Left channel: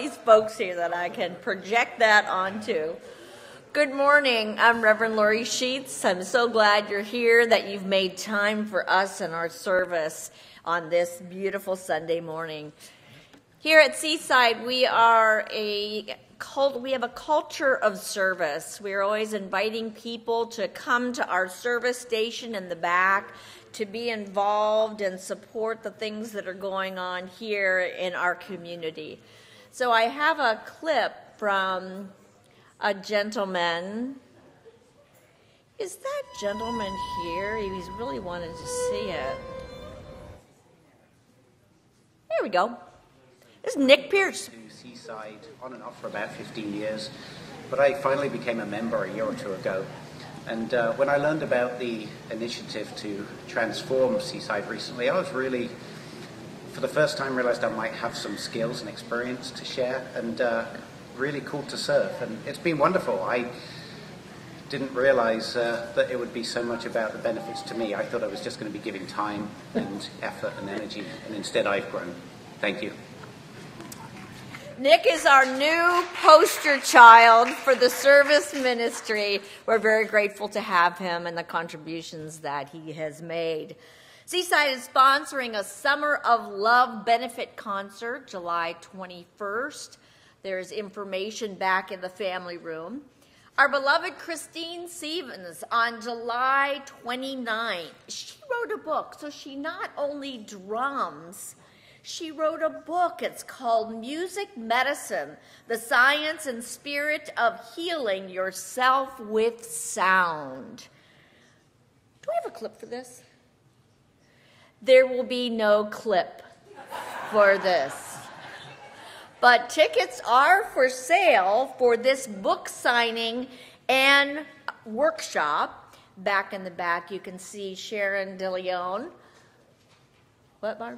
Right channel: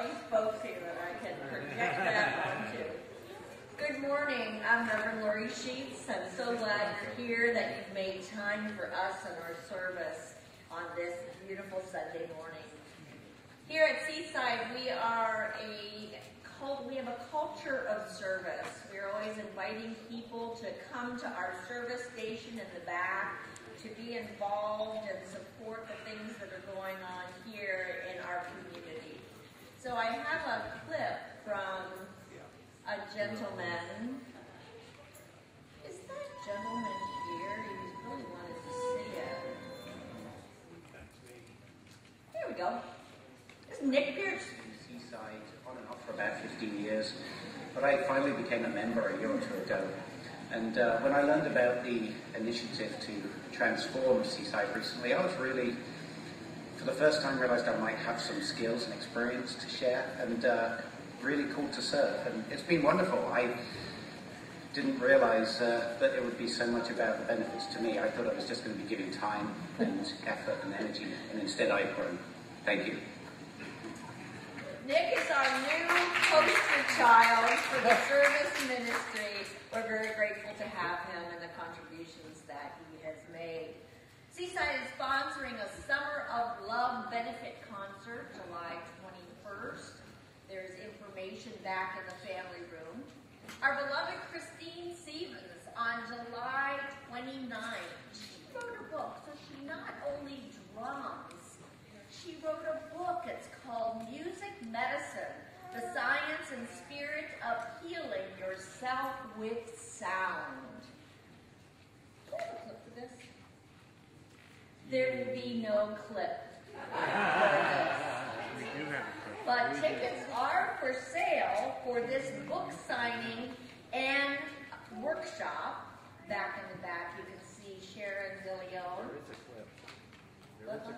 these folks here that I can project that onto. Good morning. I'm Reverend Lori Sheets. I'm so glad you're here, that you've made time for us and our service on this beautiful Sunday morning. Here at Seaside, we have a culture of service. We're always inviting people to come to our service station in the back to be involved and support the things that are going on here in our community. So I have a clip from a gentleman. Is that gentleman here? He's really wanted to see it. There we go. This is Nick Pierce. Seaside on and off for about 15 years, but I finally became a member a year or two ago. And when I learned about the initiative to transform Seaside recently, I was really, for the first time, realized I might have some skills and experience to share, and really cool to serve. And it's been wonderful. I didn't realize that it would be so much about the benefits to me. I thought I was just going to be giving time and effort and energy, and instead I've grown. Thank you. Nick is our new poster child for the service ministry. We're very grateful to have him and the contributions that he has made. Seaside is sponsoring a Summer of Love benefit concert, July 21st. There's information back in the family room. Our beloved Christine Stevens on July 29th. She wrote a book, so she not only drums, she wrote a book. It's called Music Medicine, the Science and Spirit of Healing Yourself with Sound. Do we have a clip for this? There will be no clip for this. But tickets are for sale for this book signing and workshop. Back in the back, you can see Sharon DeLeon. What, Mark?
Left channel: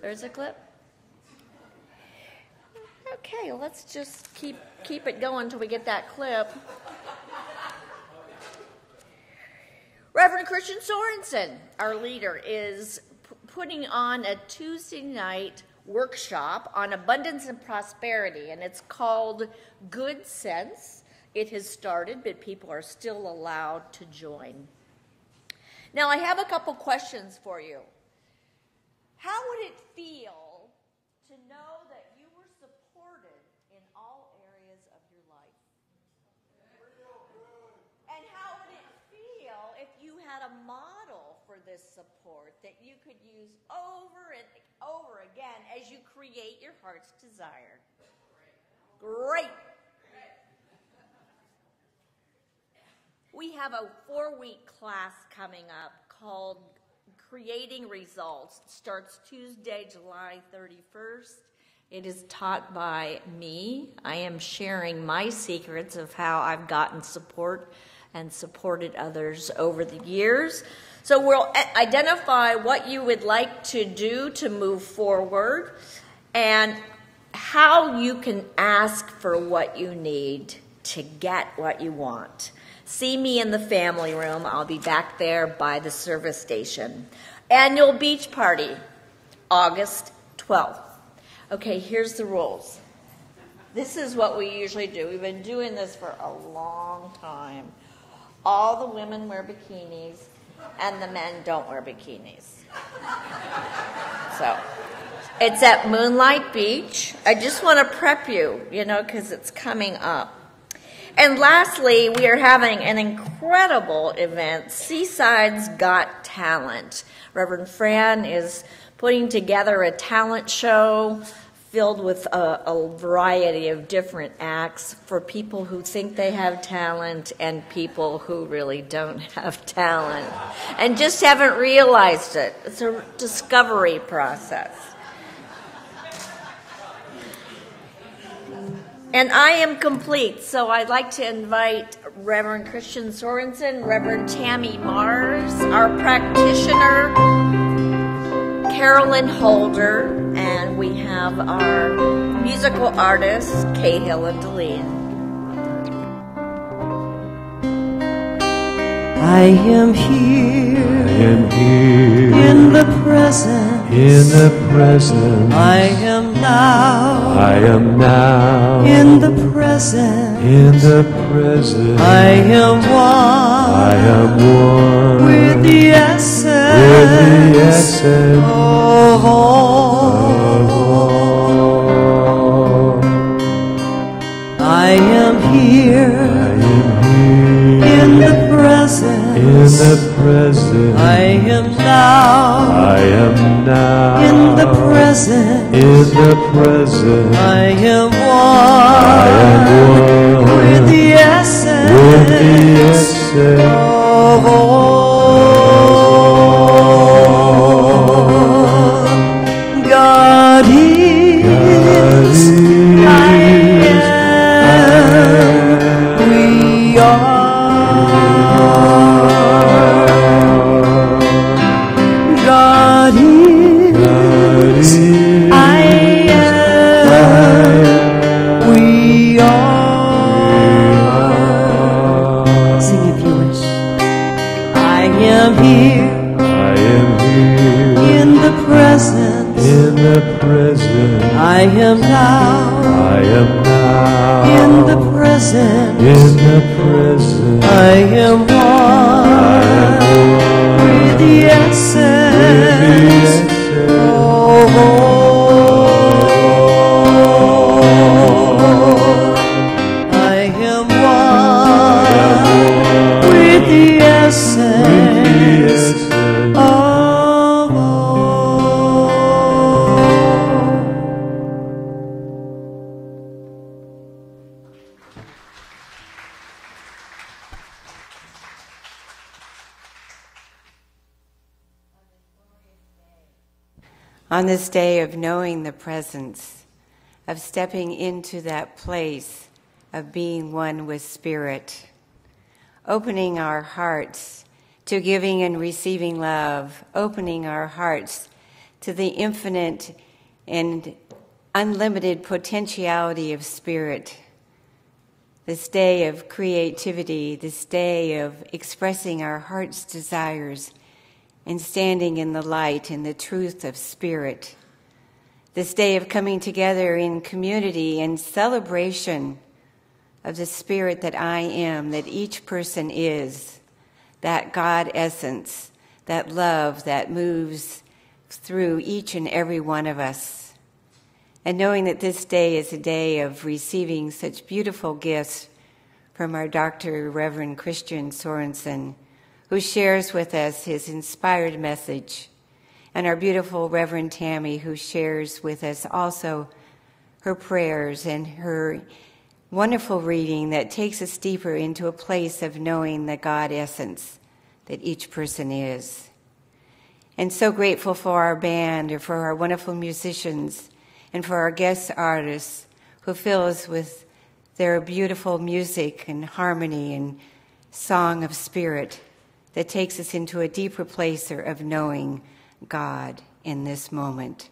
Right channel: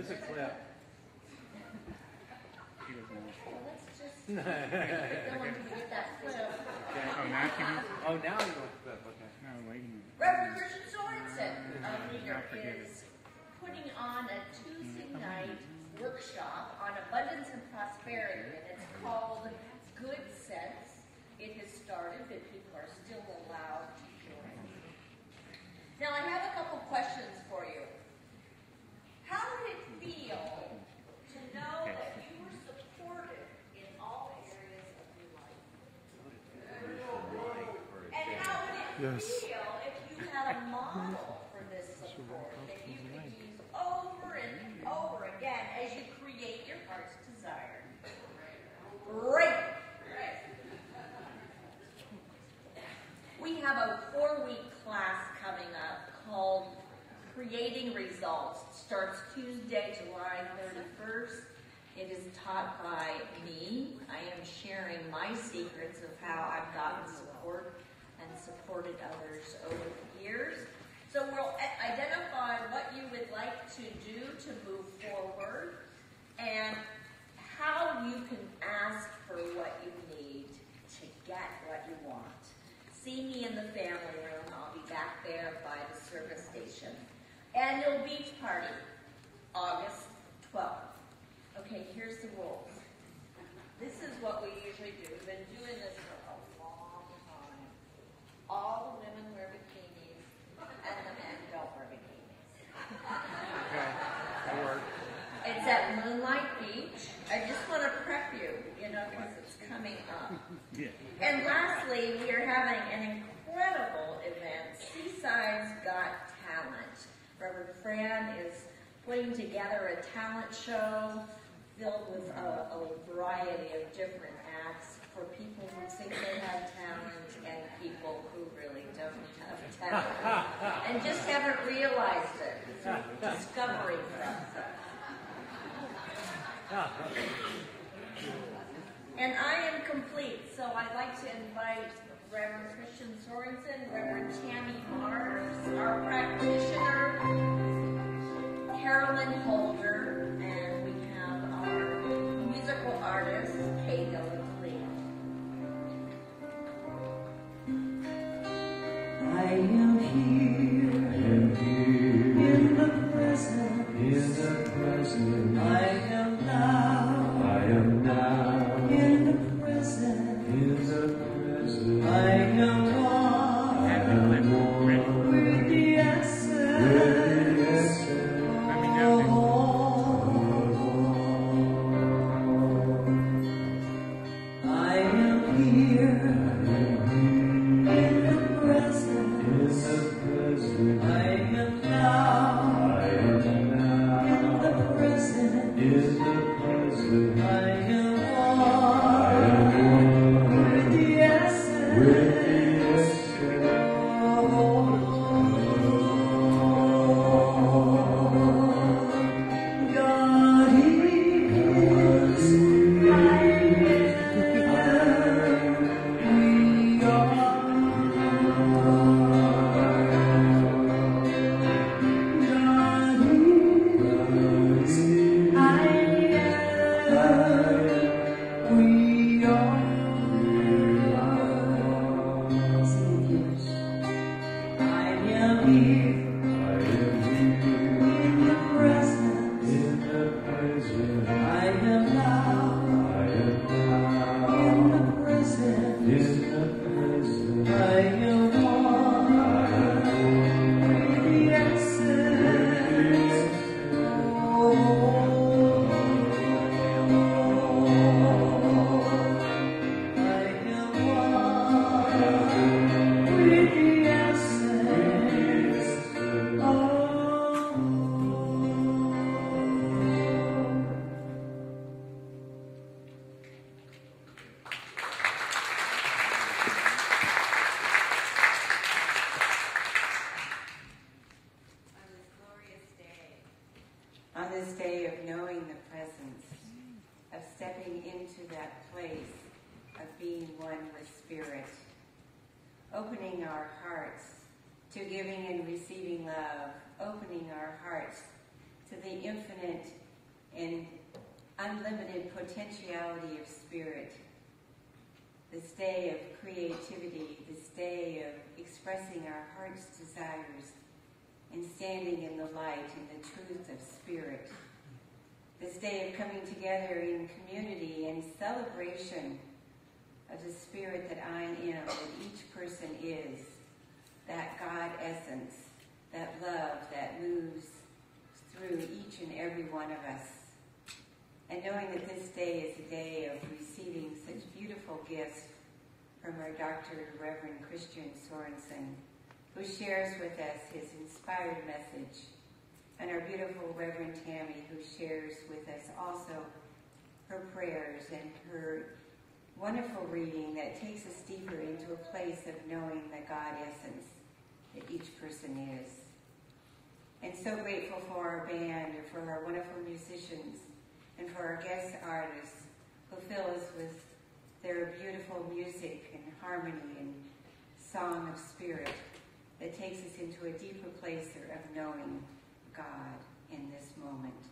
There's a clip. Okay, well, let's just keep it going until we get that clip. Reverend Christian Sorensen, our leader, is putting on a Tuesday night workshop on abundance and prosperity, and it's called Good Sense. It has started, but people are still allowed to join. Now, I have a couple questions for you. How would it feel to know that you were supported in all areas of your life? And how would it feel if you had a model for this support that you could use over and over again as you create your heart's desire? Great! We have a 4-week class coming up called Creating Results. Starts Tuesday, July 31st. It is taught by me. I am sharing my secrets of how I've gotten support and supported others over the years. So we'll identify what you would like to do to move forward and how you can ask for what you need to get what you want. See me in the family room. I'll be back there by the service station. Annual beach party, August 12th. Okay, here's the rules. This is what we usually do. We've been doing this for a long time. All the women wear bikinis, and the men don't wear bikinis. So, it's at Moonlight Beach. I just want to prep you, because it's coming up. And lastly, we are having an incredible event, Seaside's Got Talent. Reverend Fran is putting together a talent show filled with a variety of different acts for people who think they have talent and people who really don't have talent and just haven't realized it. It's a discovery process. And I am complete, so I'd like to invite Reverend Christian Sorensen, Reverend Tammy Mars, our practitioner, Carolyn Holder, and we have our musical artists, Cahill and Deline. I am here, in the presence, I am now am now in the present. in the present. I am I am one with the with essence, the essence of all. of all. I am here I am in here the present. in the present. I am now I am now in the present. in the present. I am I am one one with the with the essence essence of all. God is, I am, we are. God is, I am, we are. Sing if you wish. I am here I am here in the presence. in the present. I am now I am now in the present. in the present. I am one with the essence of all. I am one with the essence of all. On this day of knowing the presence, of stepping into that place of being one with Spirit, opening our hearts to giving and receiving love, opening our hearts to the infinite and unlimited potentiality of Spirit, this day of creativity, this day of expressing our heart's desires and standing in the light and the truth of Spirit. This day of coming together in community and celebration of the Spirit that I am, that each person is, that God essence, that love that moves through each and every one of us. And knowing that this day is a day of receiving such beautiful gifts from our Dr. Reverend Christian Sorensen, who shares with us his inspired message, and our beautiful Reverend Tammy, who shares with us also her prayers and her wonderful reading that takes us deeper into a place of knowing the God essence that each person is. And so grateful for our band, or for our wonderful musicians, and for our guest artists who fill us with their beautiful music and harmony and song of Spirit that takes us into a deeper place of knowing God in this moment.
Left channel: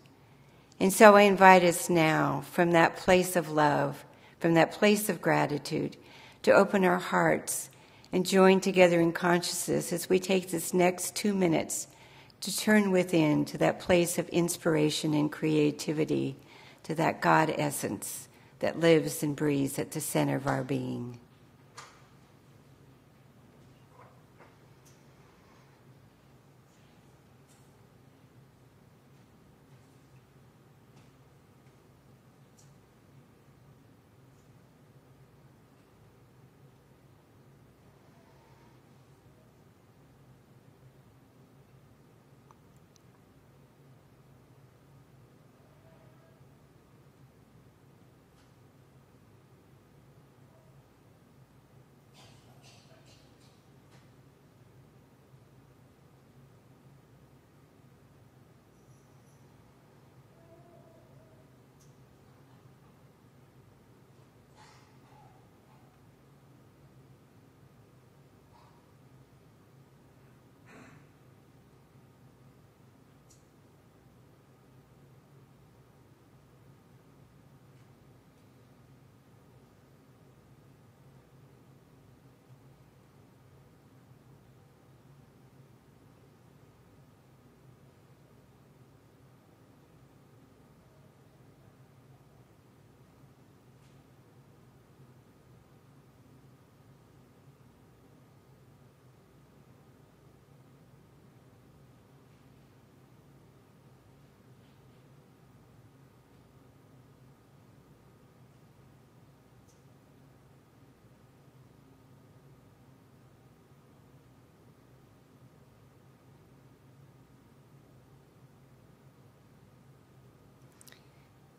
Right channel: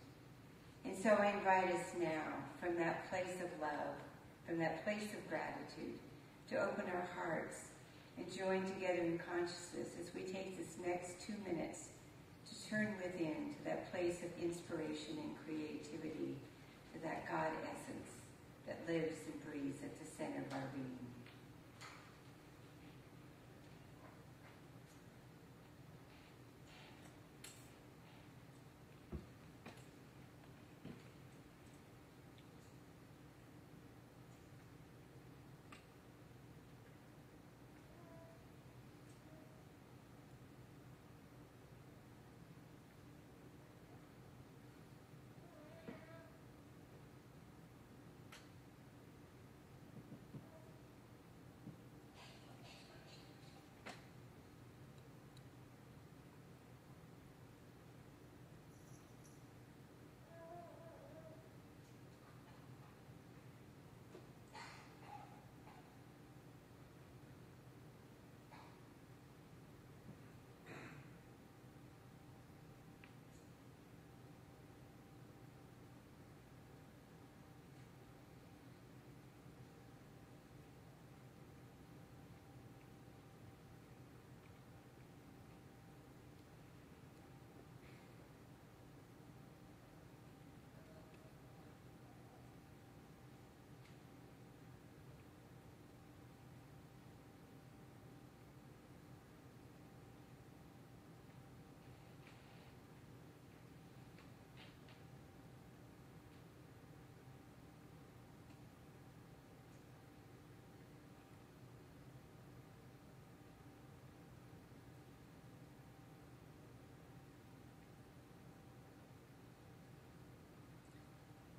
And so I invite us now, from that place of love, from that place of gratitude, to open our hearts and join together in consciousness as we take this next 2 minutes to turn within to that place of inspiration and creativity, to that God essence that lives and breathes at the center of our being.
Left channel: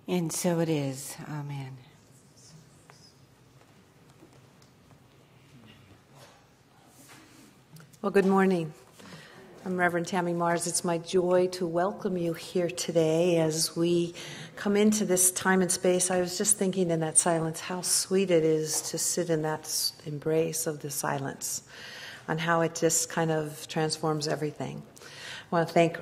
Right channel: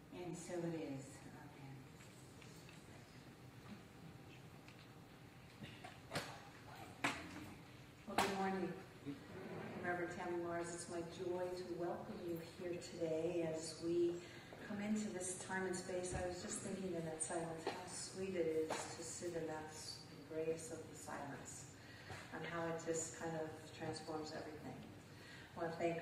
And so it is. Amen. Well, good morning. I'm Reverend Tammy Mars. It's my joy to welcome you here today as we come into this time and space. I was just thinking in that silence how sweet it is to sit in that embrace of the silence and how it just kind of transforms everything. I want to thank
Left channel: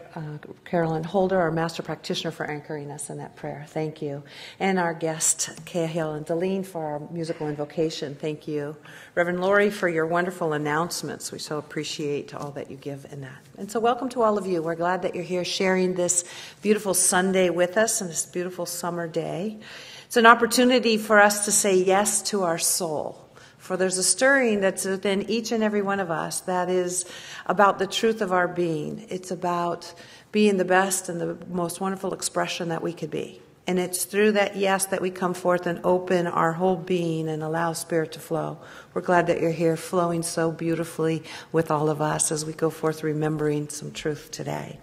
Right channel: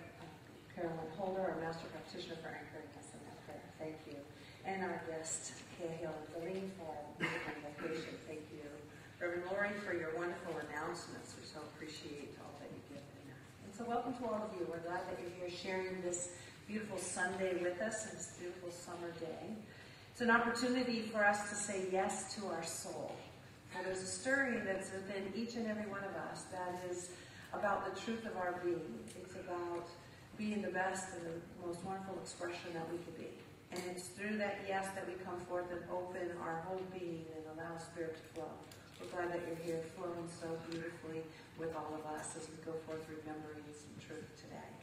Carolyn Holder, our master practitioner, for anchoring us in that prayer. Thank you. And our guest, Cahill and Deline, for our musical invocation. Thank you. Reverend Lori, for your wonderful announcements. We so appreciate all that you give in that. And so welcome to all of you. We're glad that you're here sharing this beautiful Sunday with us and this beautiful summer day. It's an opportunity for us to say yes to our soul. For there's a stirring that's within each and every one of us that is about the truth of our being. It's about being the best and the most wonderful expression that we could be. And it's through that yes that we come forth and open our whole being and allow Spirit to flow. We're glad that you're here flowing so beautifully with all of us as we go forth remembering some truth today.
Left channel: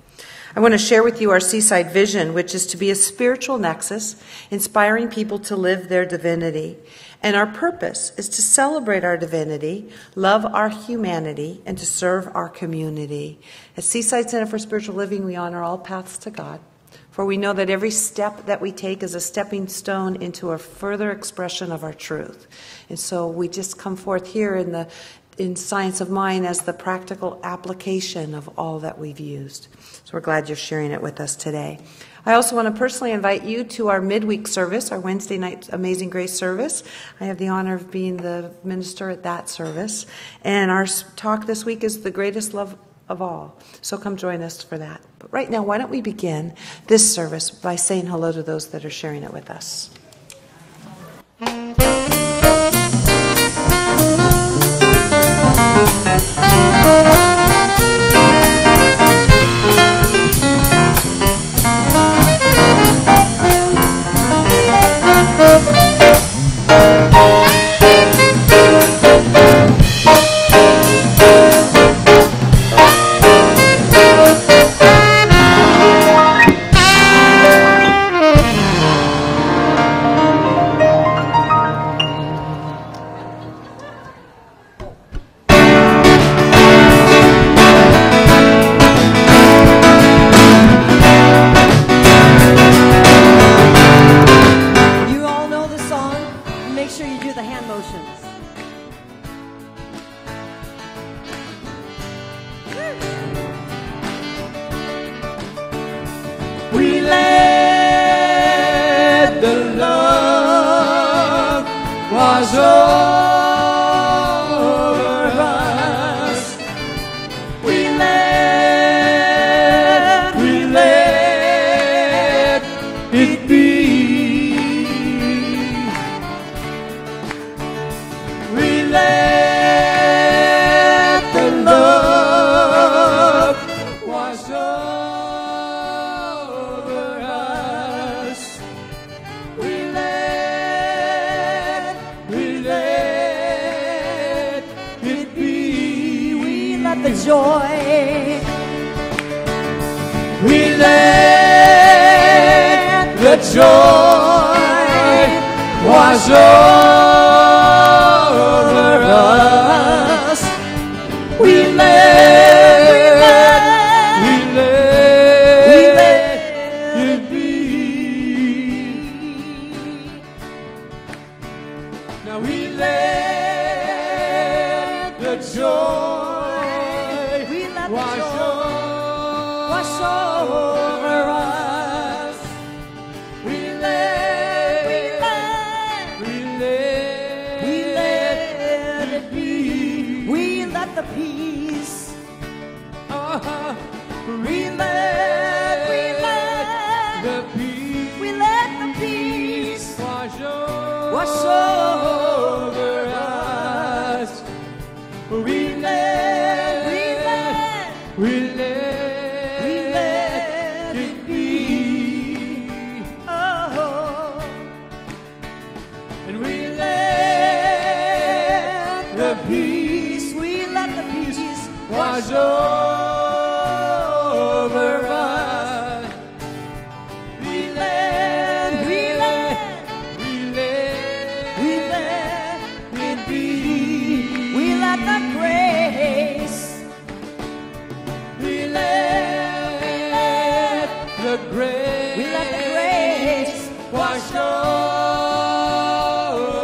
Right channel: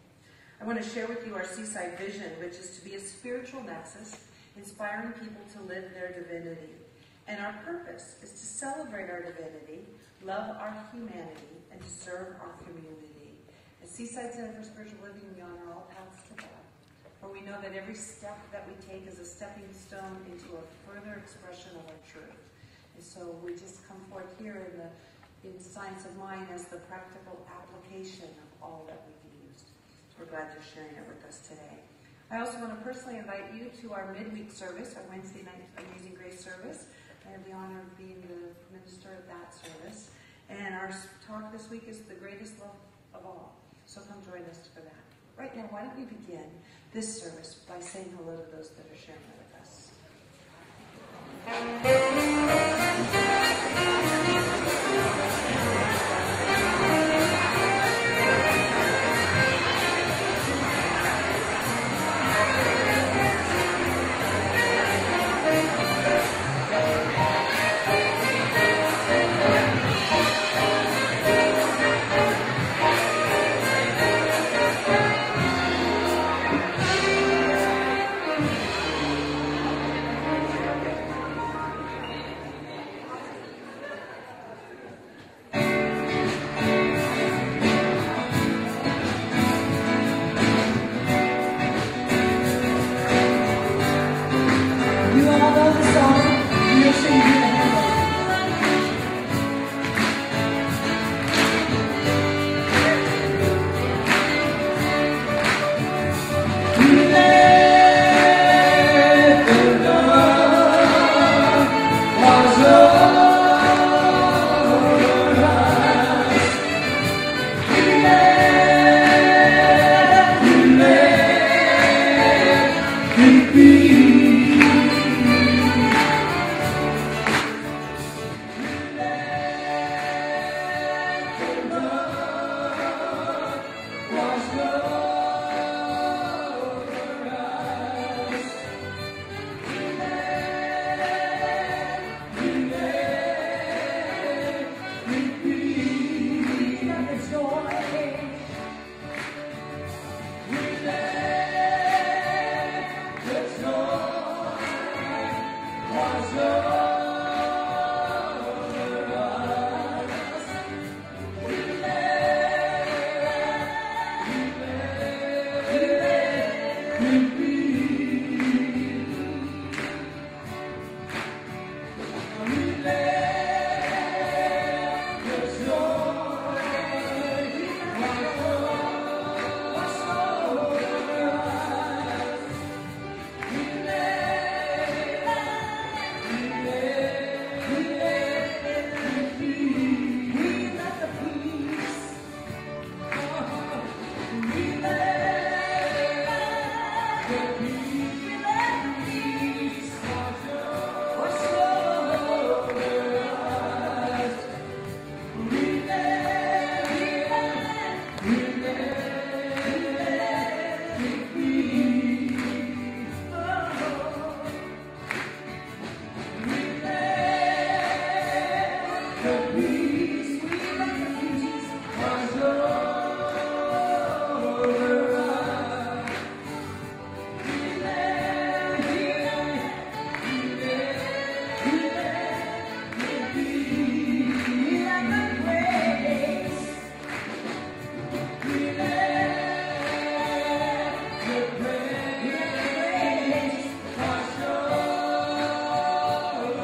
I want to share with you our Seaside vision, which is to be a spiritual nexus, inspiring people to live their divinity. And our purpose is to celebrate our divinity, love our humanity, and to serve our community. At Seaside Center for Spiritual Living, we honor all paths to God, for we know that every step that we take is a stepping stone into a further expression of our truth. And so we just come forth here in Science of Mind as the practical application of all that we've used. So we're glad you're sharing it with us today. I also want to personally invite you to our midweek service, our Wednesday night Amazing Grace service. I have the honor of being the minister at that service. And our talk this week is the greatest love of all. So come join us for that. But right now, why don't we begin this service by saying hello to those that are sharing it with us. We let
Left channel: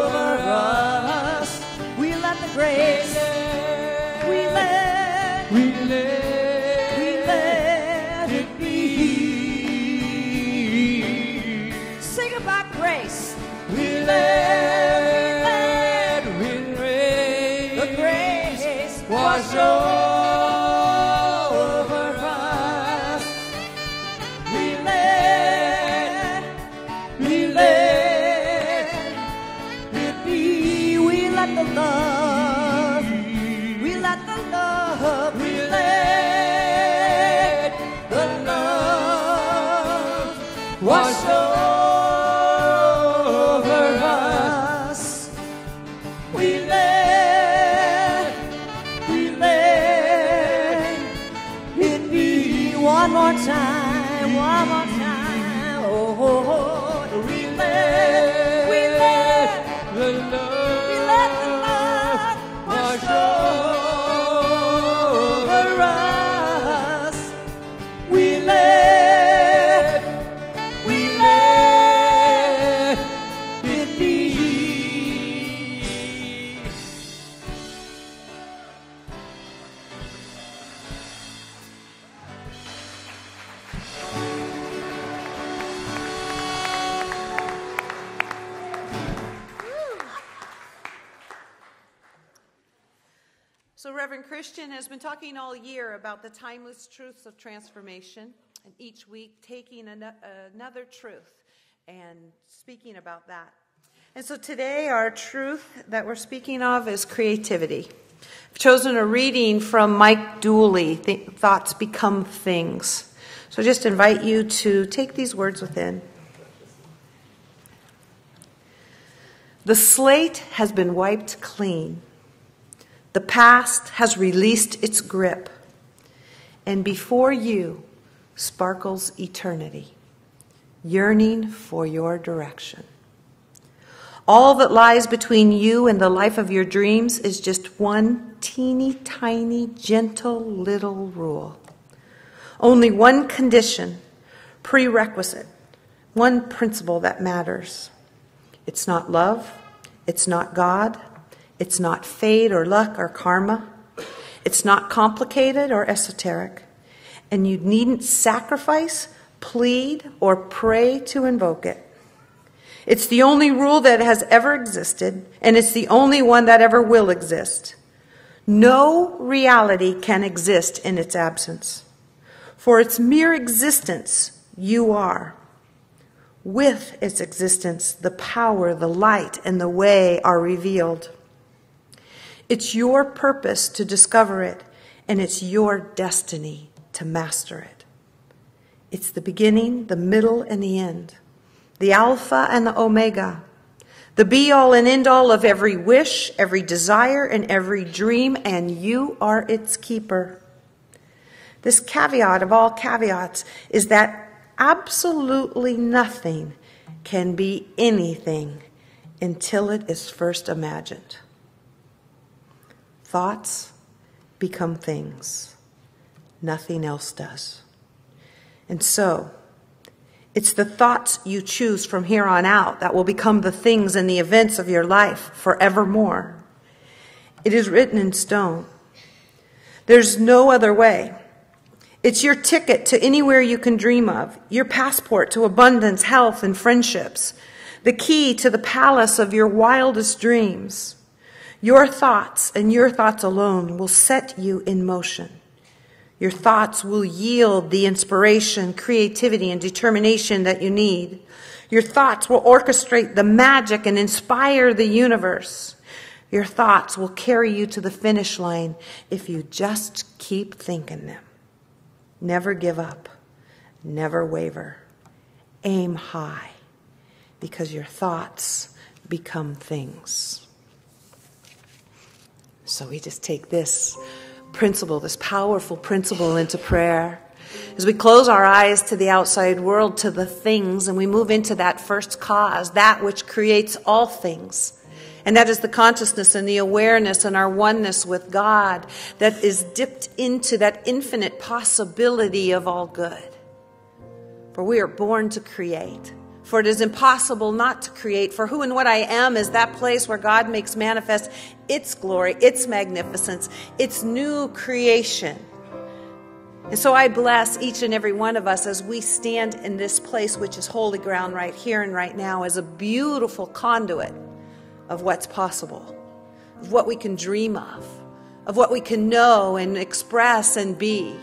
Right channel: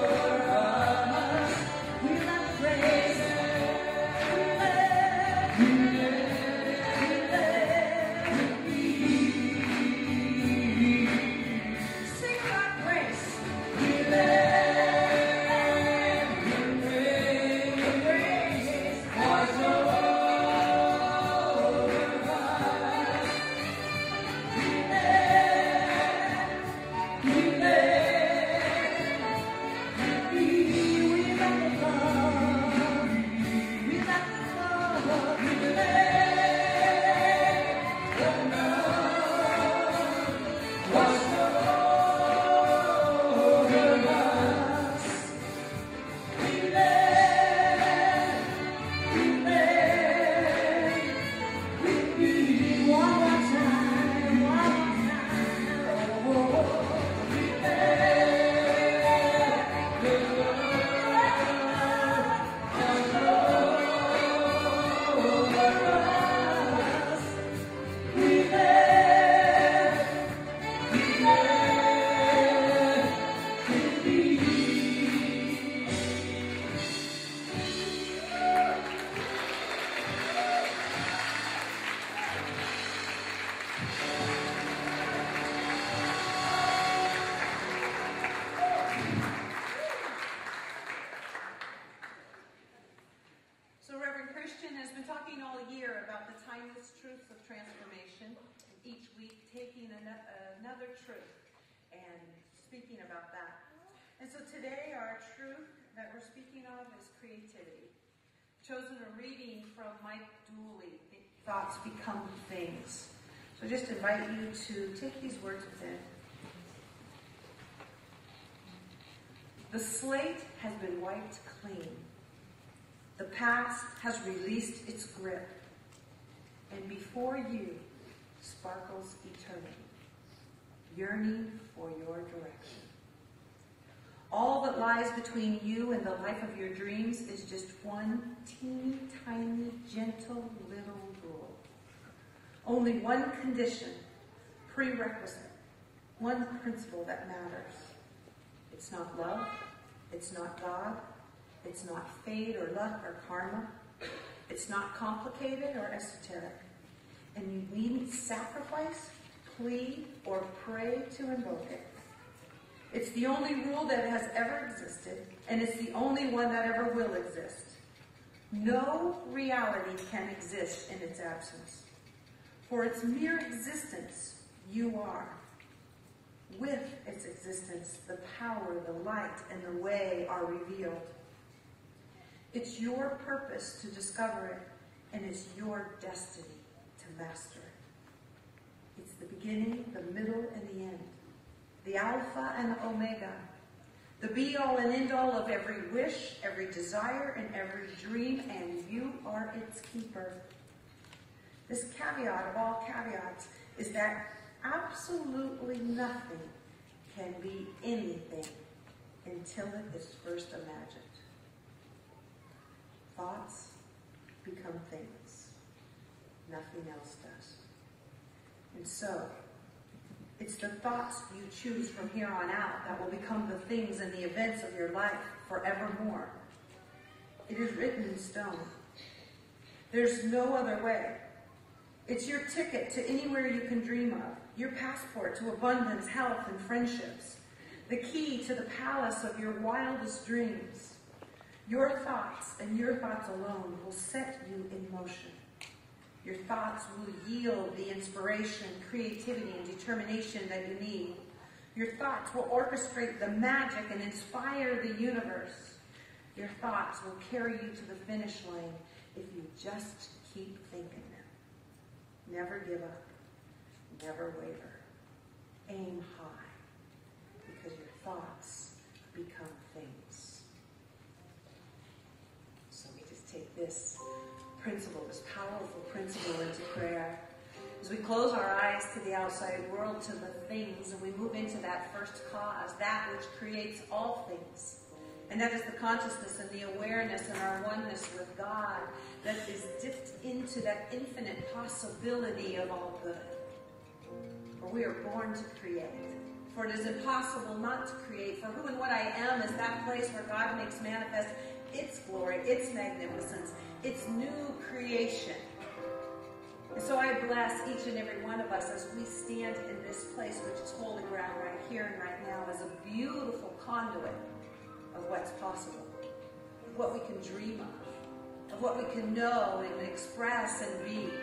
over us. We let the grace, we let it be. Sing about grace. We let the grace wash over us. We let it be. We let the love, we let the love, we let the love wash over us. We let it be. One more time, one more time. Oh, we let the love wash over us. We let it be. So Reverend Christian has been talking all year about the timeless truths of transformation, and each week taking another truth and speaking about that. And so today our truth that we're speaking of is creativity. I've chosen a reading from Mike Dooley, Thoughts Become Things. So I just invite you to take these words within. The slate has been wiped clean. The past has released its grip, and before you sparkles eternity, yearning for your direction. All that lies between you and the life of your dreams is just one teeny tiny, gentle little rule. Only one condition, prerequisite, one principle that matters. It's not love, it's not God, it's not fate or luck or karma. It's not complicated or esoteric. And you needn't sacrifice, plead, or pray to invoke it. It's the only rule that has ever existed, and it's the only one that ever will exist. No reality can exist in its absence. For its mere existence, you are. With its existence, the power, the light, and the way are revealed. It's your purpose to discover it, and it's your destiny to master it. It's the beginning, the middle, and the end, the Alpha and the Omega, the be-all and end-all of every wish, every desire, and every dream, and you are its keeper. This caveat of all caveats is that absolutely nothing can be anything until it is first imagined. Thoughts become things. Nothing else does. And so, it's the thoughts you choose from here on out that will become the things and the events of your life forevermore. It is written in stone. There's no other way. It's your ticket to anywhere you can dream of, your passport to abundance, health, and friendships, the key to the palace of your wildest dreams. Your thoughts and your thoughts alone will set you in motion. Your thoughts will yield the inspiration, creativity, and determination that you need. Your thoughts will orchestrate the magic and inspire the universe. Your thoughts will carry you to the finish line if you just keep thinking them. Never give up. Never waver. Aim high, because your thoughts become things. So we just take this principle, this powerful principle, into prayer. As we close our eyes to the outside world, to the things, and we move into that first cause, that which creates all things. And that is the consciousness and the awareness and our oneness with God that is dipped into that infinite possibility of all good. For we are born to create For it is impossible not to create. For who and what I am is that place where God makes manifest its glory, its magnificence, its new creation. And so I bless each and every one of us as we stand in this place, which is holy ground right here and right now, as a beautiful conduit of what's possible, of what we can dream of what we can know and express and be,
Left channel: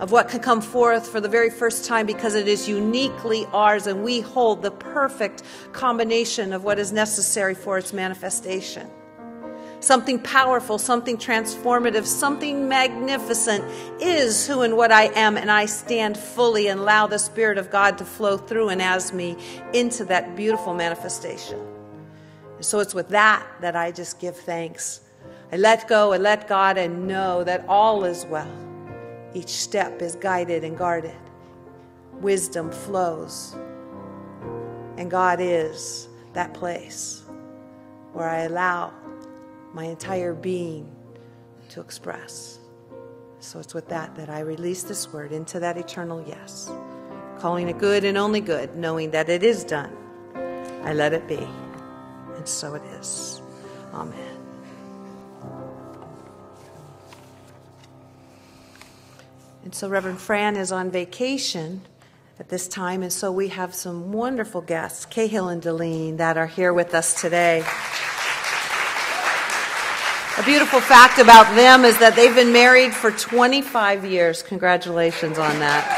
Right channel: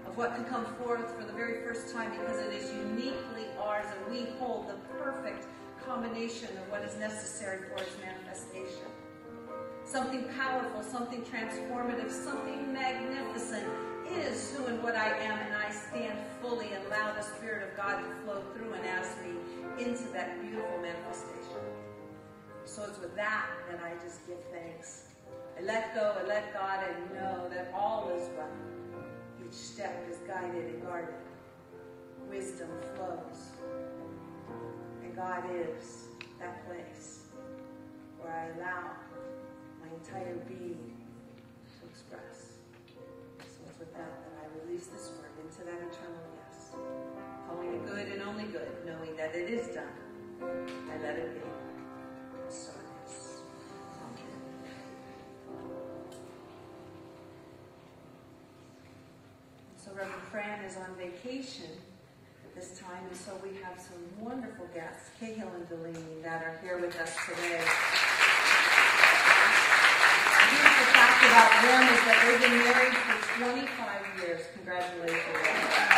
of what can come forth for the very first time, because it is uniquely ours and we hold the perfect combination of what is necessary for its manifestation. Something powerful, something transformative, something magnificent is who and what I am, and I stand fully and allow the Spirit of God to flow through and as me into that beautiful manifestation. So it's with that I just give thanks. I let go, I let God, and know that all is well. Each step is guided and guarded. Wisdom flows. And God is that place where I allow my entire being to express. So it's with that I release this word into that eternal yes, calling it good and only good, knowing that it is done. I let it be. And so it is. Amen. And so Reverend Fran is on vacation at this time, and so we have some wonderful guests, Cahill and Deline, that are here with us today. A beautiful fact about them is that they've been married for 25 years. Congratulations on that.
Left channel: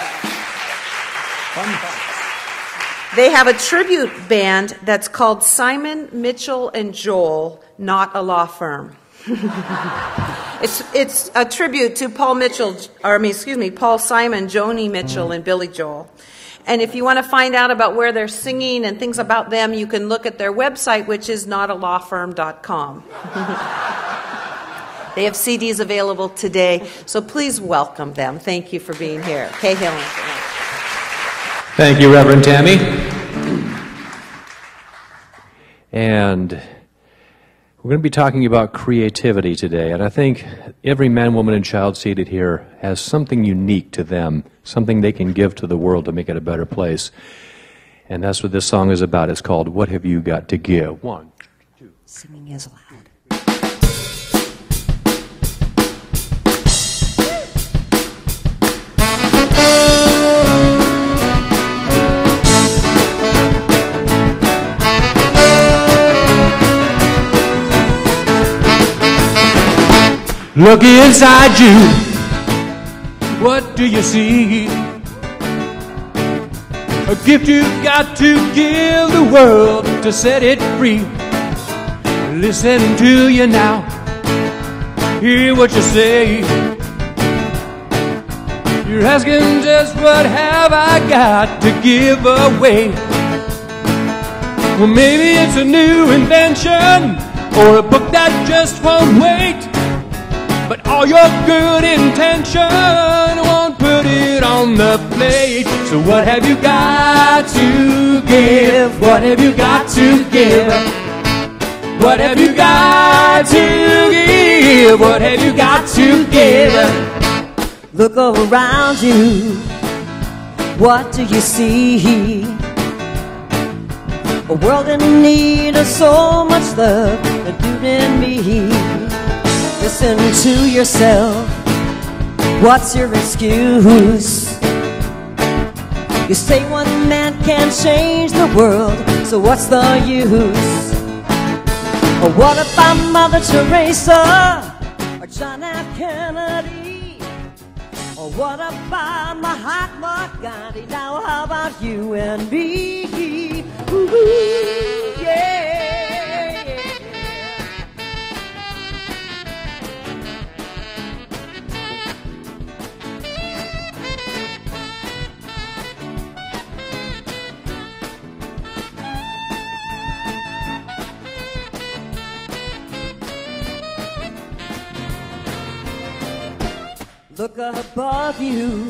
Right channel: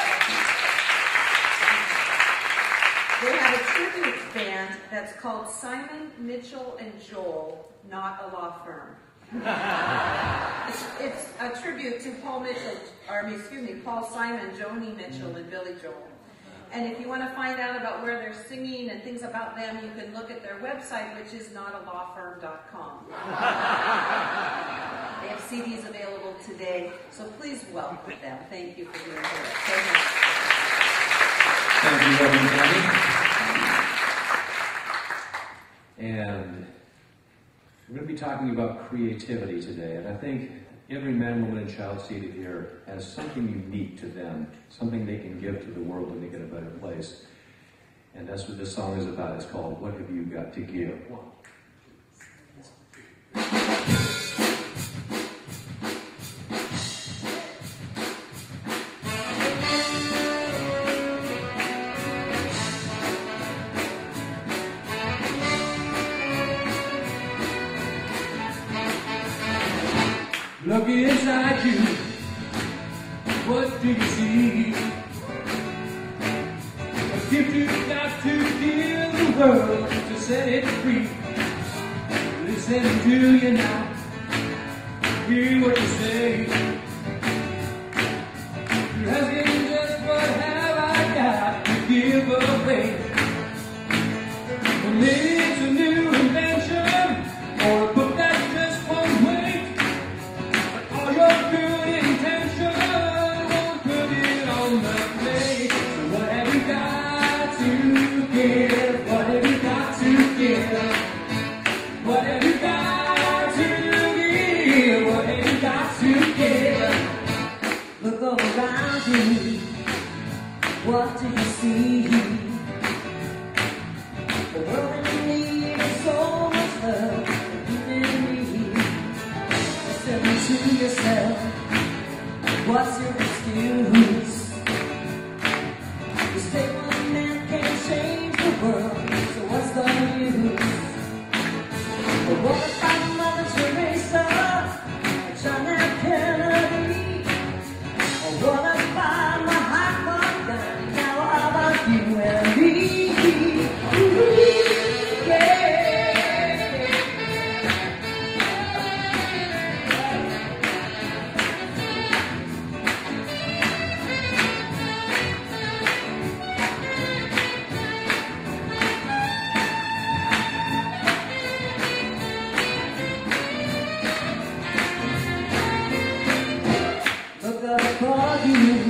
They have a tribute band that's called Simon, Mitchell, and Joel, Not a Law Firm. It's a tribute to Paul Simon, Joni Mitchell, and Billy Joel. And if you want to find out about where they're singing and things about them, you can look at their website, which is notalawfirm.com. They have CDs available today, so please welcome them. Thank you for being here. Cahill. Thank you, Reverend Tammy. And we're going to be talking about creativity today, and I think every man, woman, and child seated here has something unique to them, something they can give to the world to make it a better place. And that's what this song is about. It's called What Have You Got to Give? 1, 2. Singing is loud. Look inside you, what do you see? A gift you've got to give the world to set it free. Listen to you now, hear what you say. You're asking just what have I got to give away? Well, maybe it's a new invention or a book that just won't wait. But all your good intention won't put it on the plate. So what have you got to give? What have you got to give? What have you got to give? What have you got to give? Look around you, what do you see? A world in need of so much love, but you and me. Listen to yourself, what's your excuse? You say one man can't change the world, so what's the use? Or what about Mother Teresa, John F. Kennedy? Or what about Mahatma Gandhi? Now how about you and me? Look above you,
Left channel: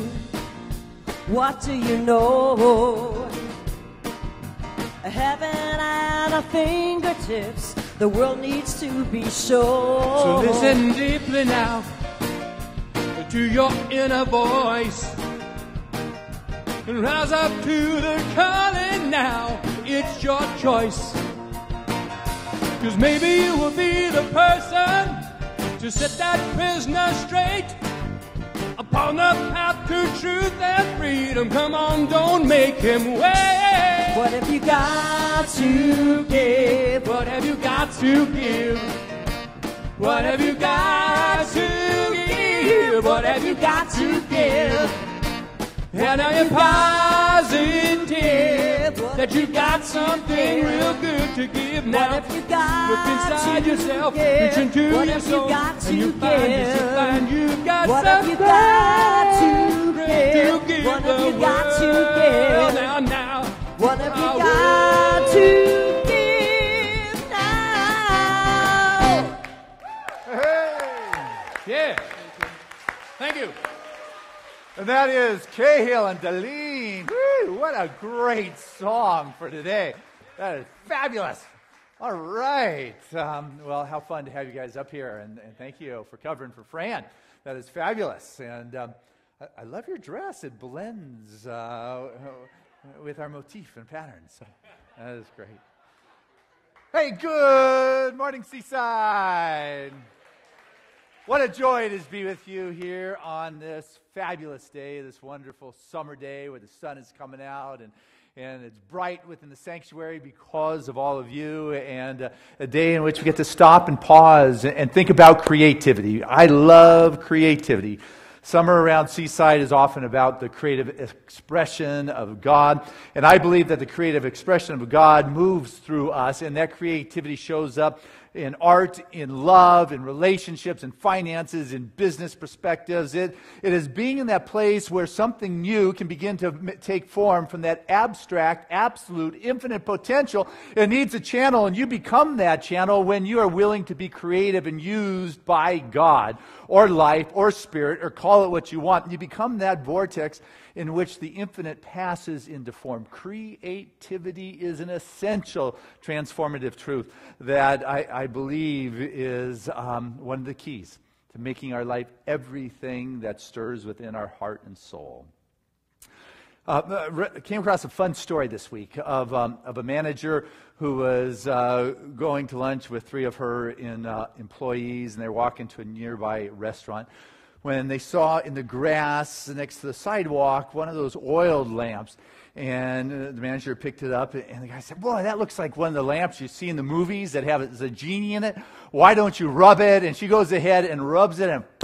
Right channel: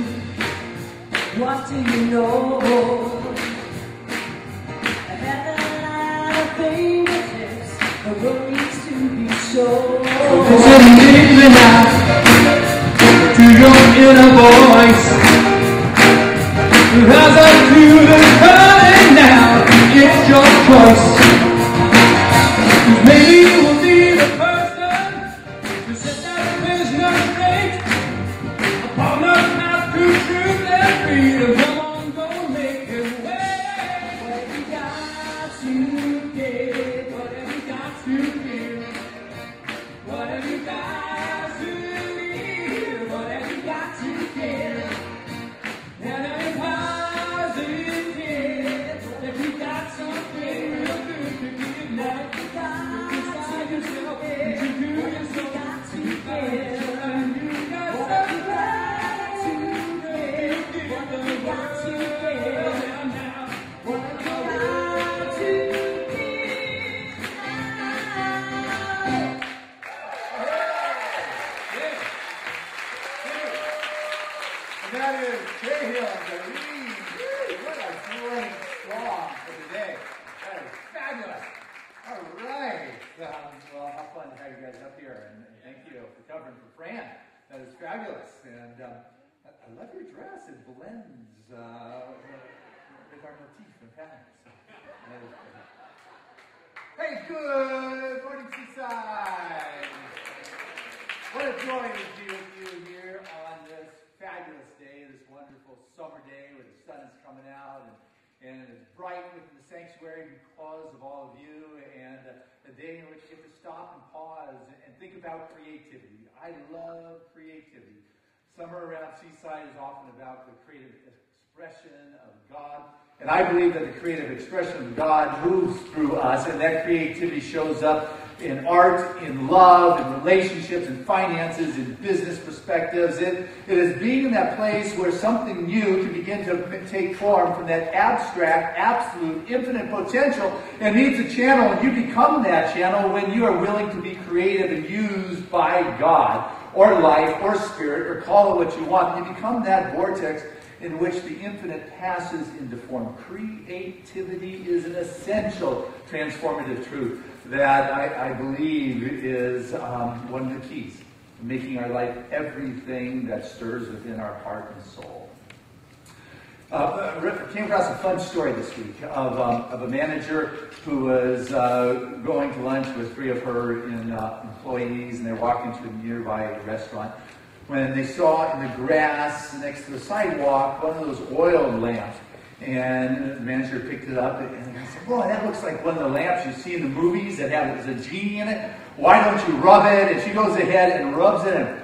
what do you know? Heaven at our fingertips, the world needs to be shown. So listen deeply now to your inner voice. Who has a clue that's coming now? us. Maybe we'll need a person to set that business straight upon a path to truth and freedom. Come on, don't make him wait. What have you got to give? What have you got to give? What have you got to give? What have you got to give? And are you positive that you got something real good to give now? What have you got look inside to yourself, give? reach into What your have soul, you got to and you find yourself, give? you got What have you something got to great give? give What have the you got to world. give? Now, What have you I got to give now? yeah. Thank you. And that is Cahill and Deline. Woo, what a great song for today. That is fabulous. All right. Well, how fun to have you guys up here. And thank you for covering for Fran. That is fabulous. And I love your dress. It blends with our motif and patterns. So that is great. Hey, good morning, Seaside. What a joy it is to be with you here on this fabulous day, this wonderful summer day where the sun is coming out and it's bright within the sanctuary because of all of you, and a day in which we get to stop and pause and think about creativity. I love creativity. Summer around Seaside is often about the creative expression of God, and I believe that the creative expression of God moves through us, and that creativity shows up in art, in love, in relationships, in finances, in business perspectives. It is being in that place where something new can begin to take form from that abstract, absolute, infinite potential that needs a channel, and you become that channel when you are willing to be creative and used by God, or life, or spirit, or call it what you want. You become that vortex in which the infinite passes into form. Creativity is an essential transformative truth that I believe is one of the keys to making our life everything that stirs within our heart and soul. Came across a fun story this week of a manager who was going to lunch with three of her employees, and they're walking to a nearby restaurant when they saw in the grass next to the sidewalk one of those oil lamps. And the manager picked it up, and I said, boy, that looks like one of the lamps you see in the movies that has a genie in it. Why don't you rub it? And she goes ahead and rubs it, and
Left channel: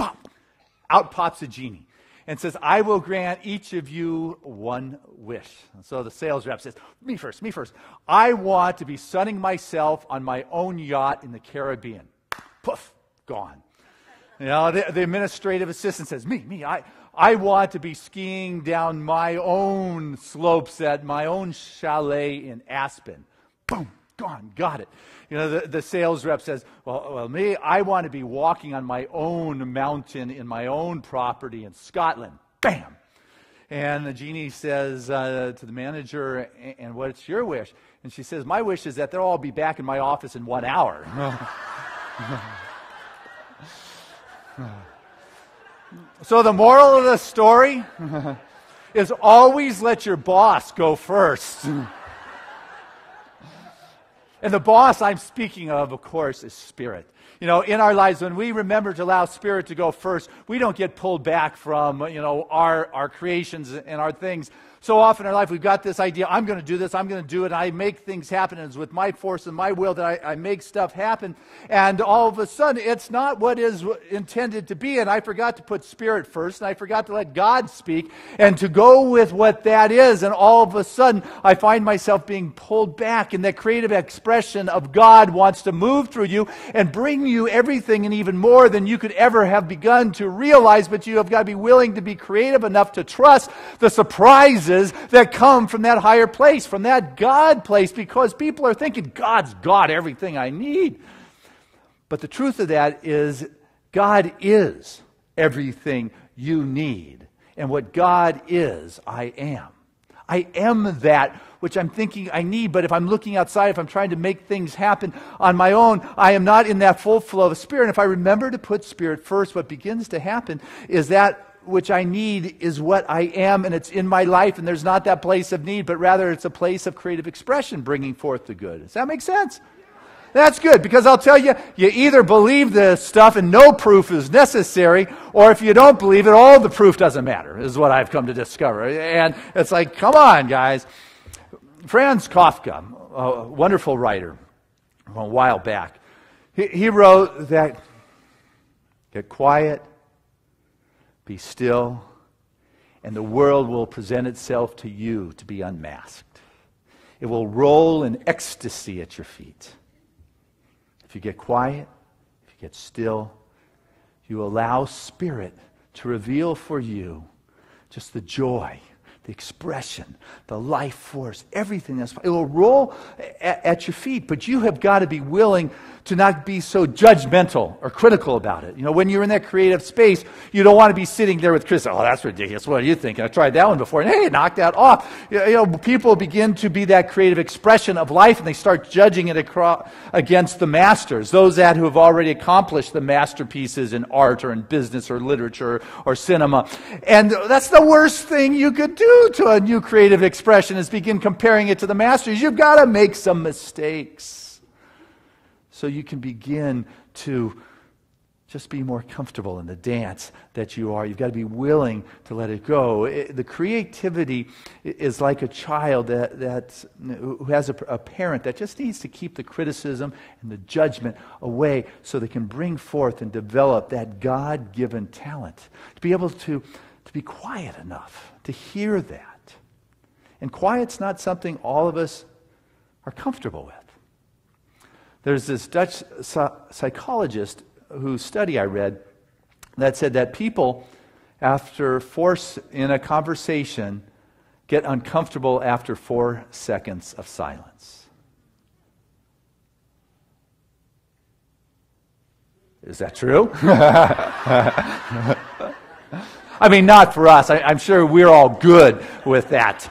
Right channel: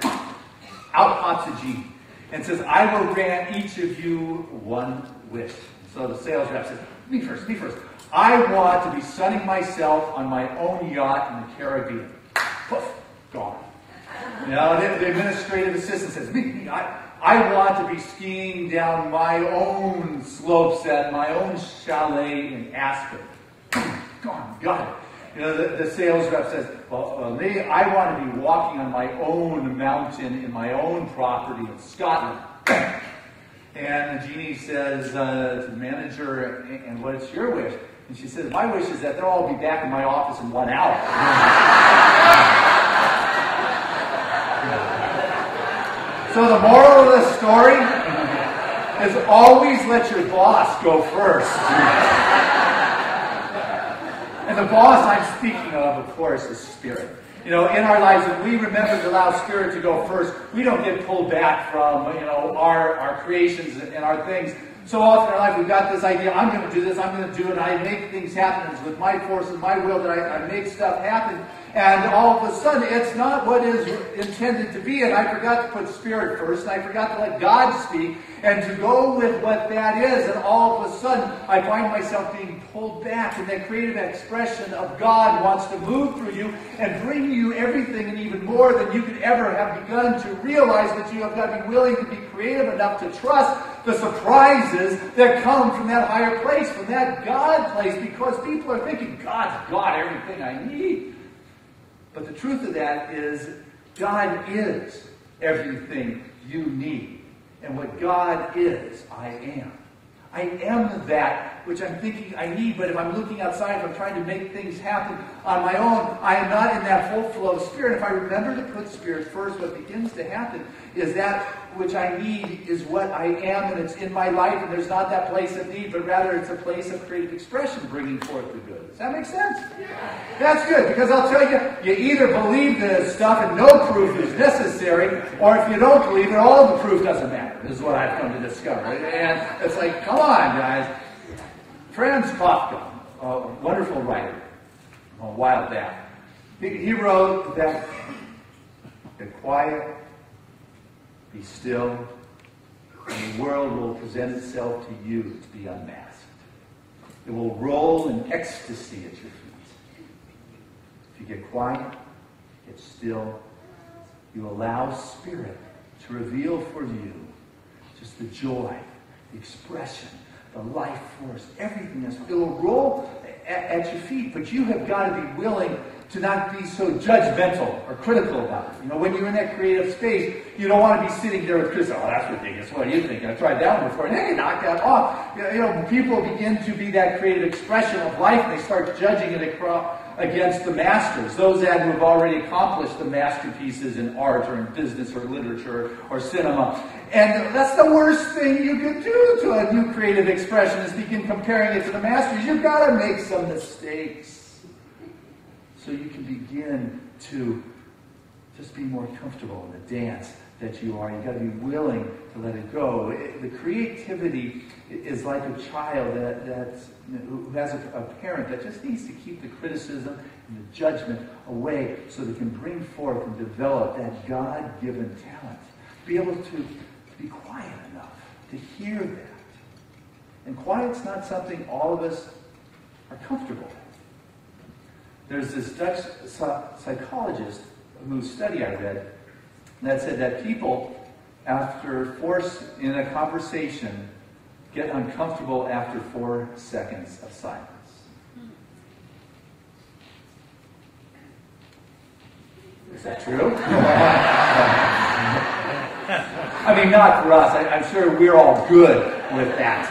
out pops a genie. And says, I will grant each of you one wish. So the sales rep said, me first. I want to be sunning myself on my own yacht in the Caribbean. Poof, gone. You know, the administrative assistant says, me, I want to be skiing down my own slopes at my own chalet in Aspen. Gone, got it. You know, the sales rep says, well, me, I want to be walking on my own mountain in my own property in Scotland. Bang! And the genie says to the manager, and what is your wish? And she says, my wish is that they'll all be back in my office in 1 hour. So the moral of the story is always let your boss go first. And the boss I'm speaking of course, is Spirit. You know, in our lives, when we remember to allow Spirit to go first, we don't get pulled back from, you know, our creations and our things. So often in our life, we've got this idea, I'm going to do this, I'm going to do it, and I make things happen. It's with my force and my will that I make stuff happen. And all of a sudden, it's not what is intended to be. And I forgot to put Spirit first. I forgot to let God speak and to go with what that is. And all of a sudden, I find myself being pulled back. And the creative expression of God wants to move through you and bring you everything and even more than you could ever have begun to realize. But you have got to be willing to be creative enough to trust the surprises that come from that higher place, from that God place, because people are thinking, God's got everything I need. But the truth of that is, God is everything you need. And what God is, I am. I am that which I'm thinking I need, but if I'm looking outside, if I'm trying to make things happen on my own, I am not in that full flow of Spirit. If I remember to put Spirit first, what begins to happen is that which I need is what I am, and it's in my life, and there's not that place of need, but rather it's a place of creative expression bringing forth the good. Does that make sense? That's good, because I'll tell you, you either believe this stuff and no proof is necessary, or if you don't believe it, all the proof doesn't matter, is what I've come to discover. And it's like, come on, guys. Franz Kafka, a wonderful writer, a while back, he wrote that, get quiet, be still, and the world will present itself to you to be unmasked. It will roll in ecstasy at your feet. If you get quiet, if you get still, you allow Spirit to reveal for you just the joy, the expression, the life force, everything else. It will roll at your feet, but you have got to be willing to not be so judgmental or critical about it. You know, when you're in that creative space, you don't want to be sitting there with Chris, oh, that's ridiculous. What are you thinking? I tried that one before. And hey, knock that off. You know, people begin to be that creative expression of life, and they start judging it against the masters, those that who have already accomplished the masterpieces in art or in business or literature or cinema. And that's the worst thing you could do to a new creative expression, is begin comparing it to the masters. You've got to make some mistakes, so you can begin to just be more comfortable in the dance that you are. You've got to be willing to let it go. The creativity is like a child who has a parent that just needs to keep the criticism and the judgment away so they can bring forth and develop that God-given talent. To be able to be quiet enough to hear that. And quiet's not something all of us are comfortable with. There's this Dutch psychologist whose study I read that said that people, after force in a conversation, get uncomfortable after 4 seconds of silence. Is that true? I mean, not for us. I'm sure we're all good with that.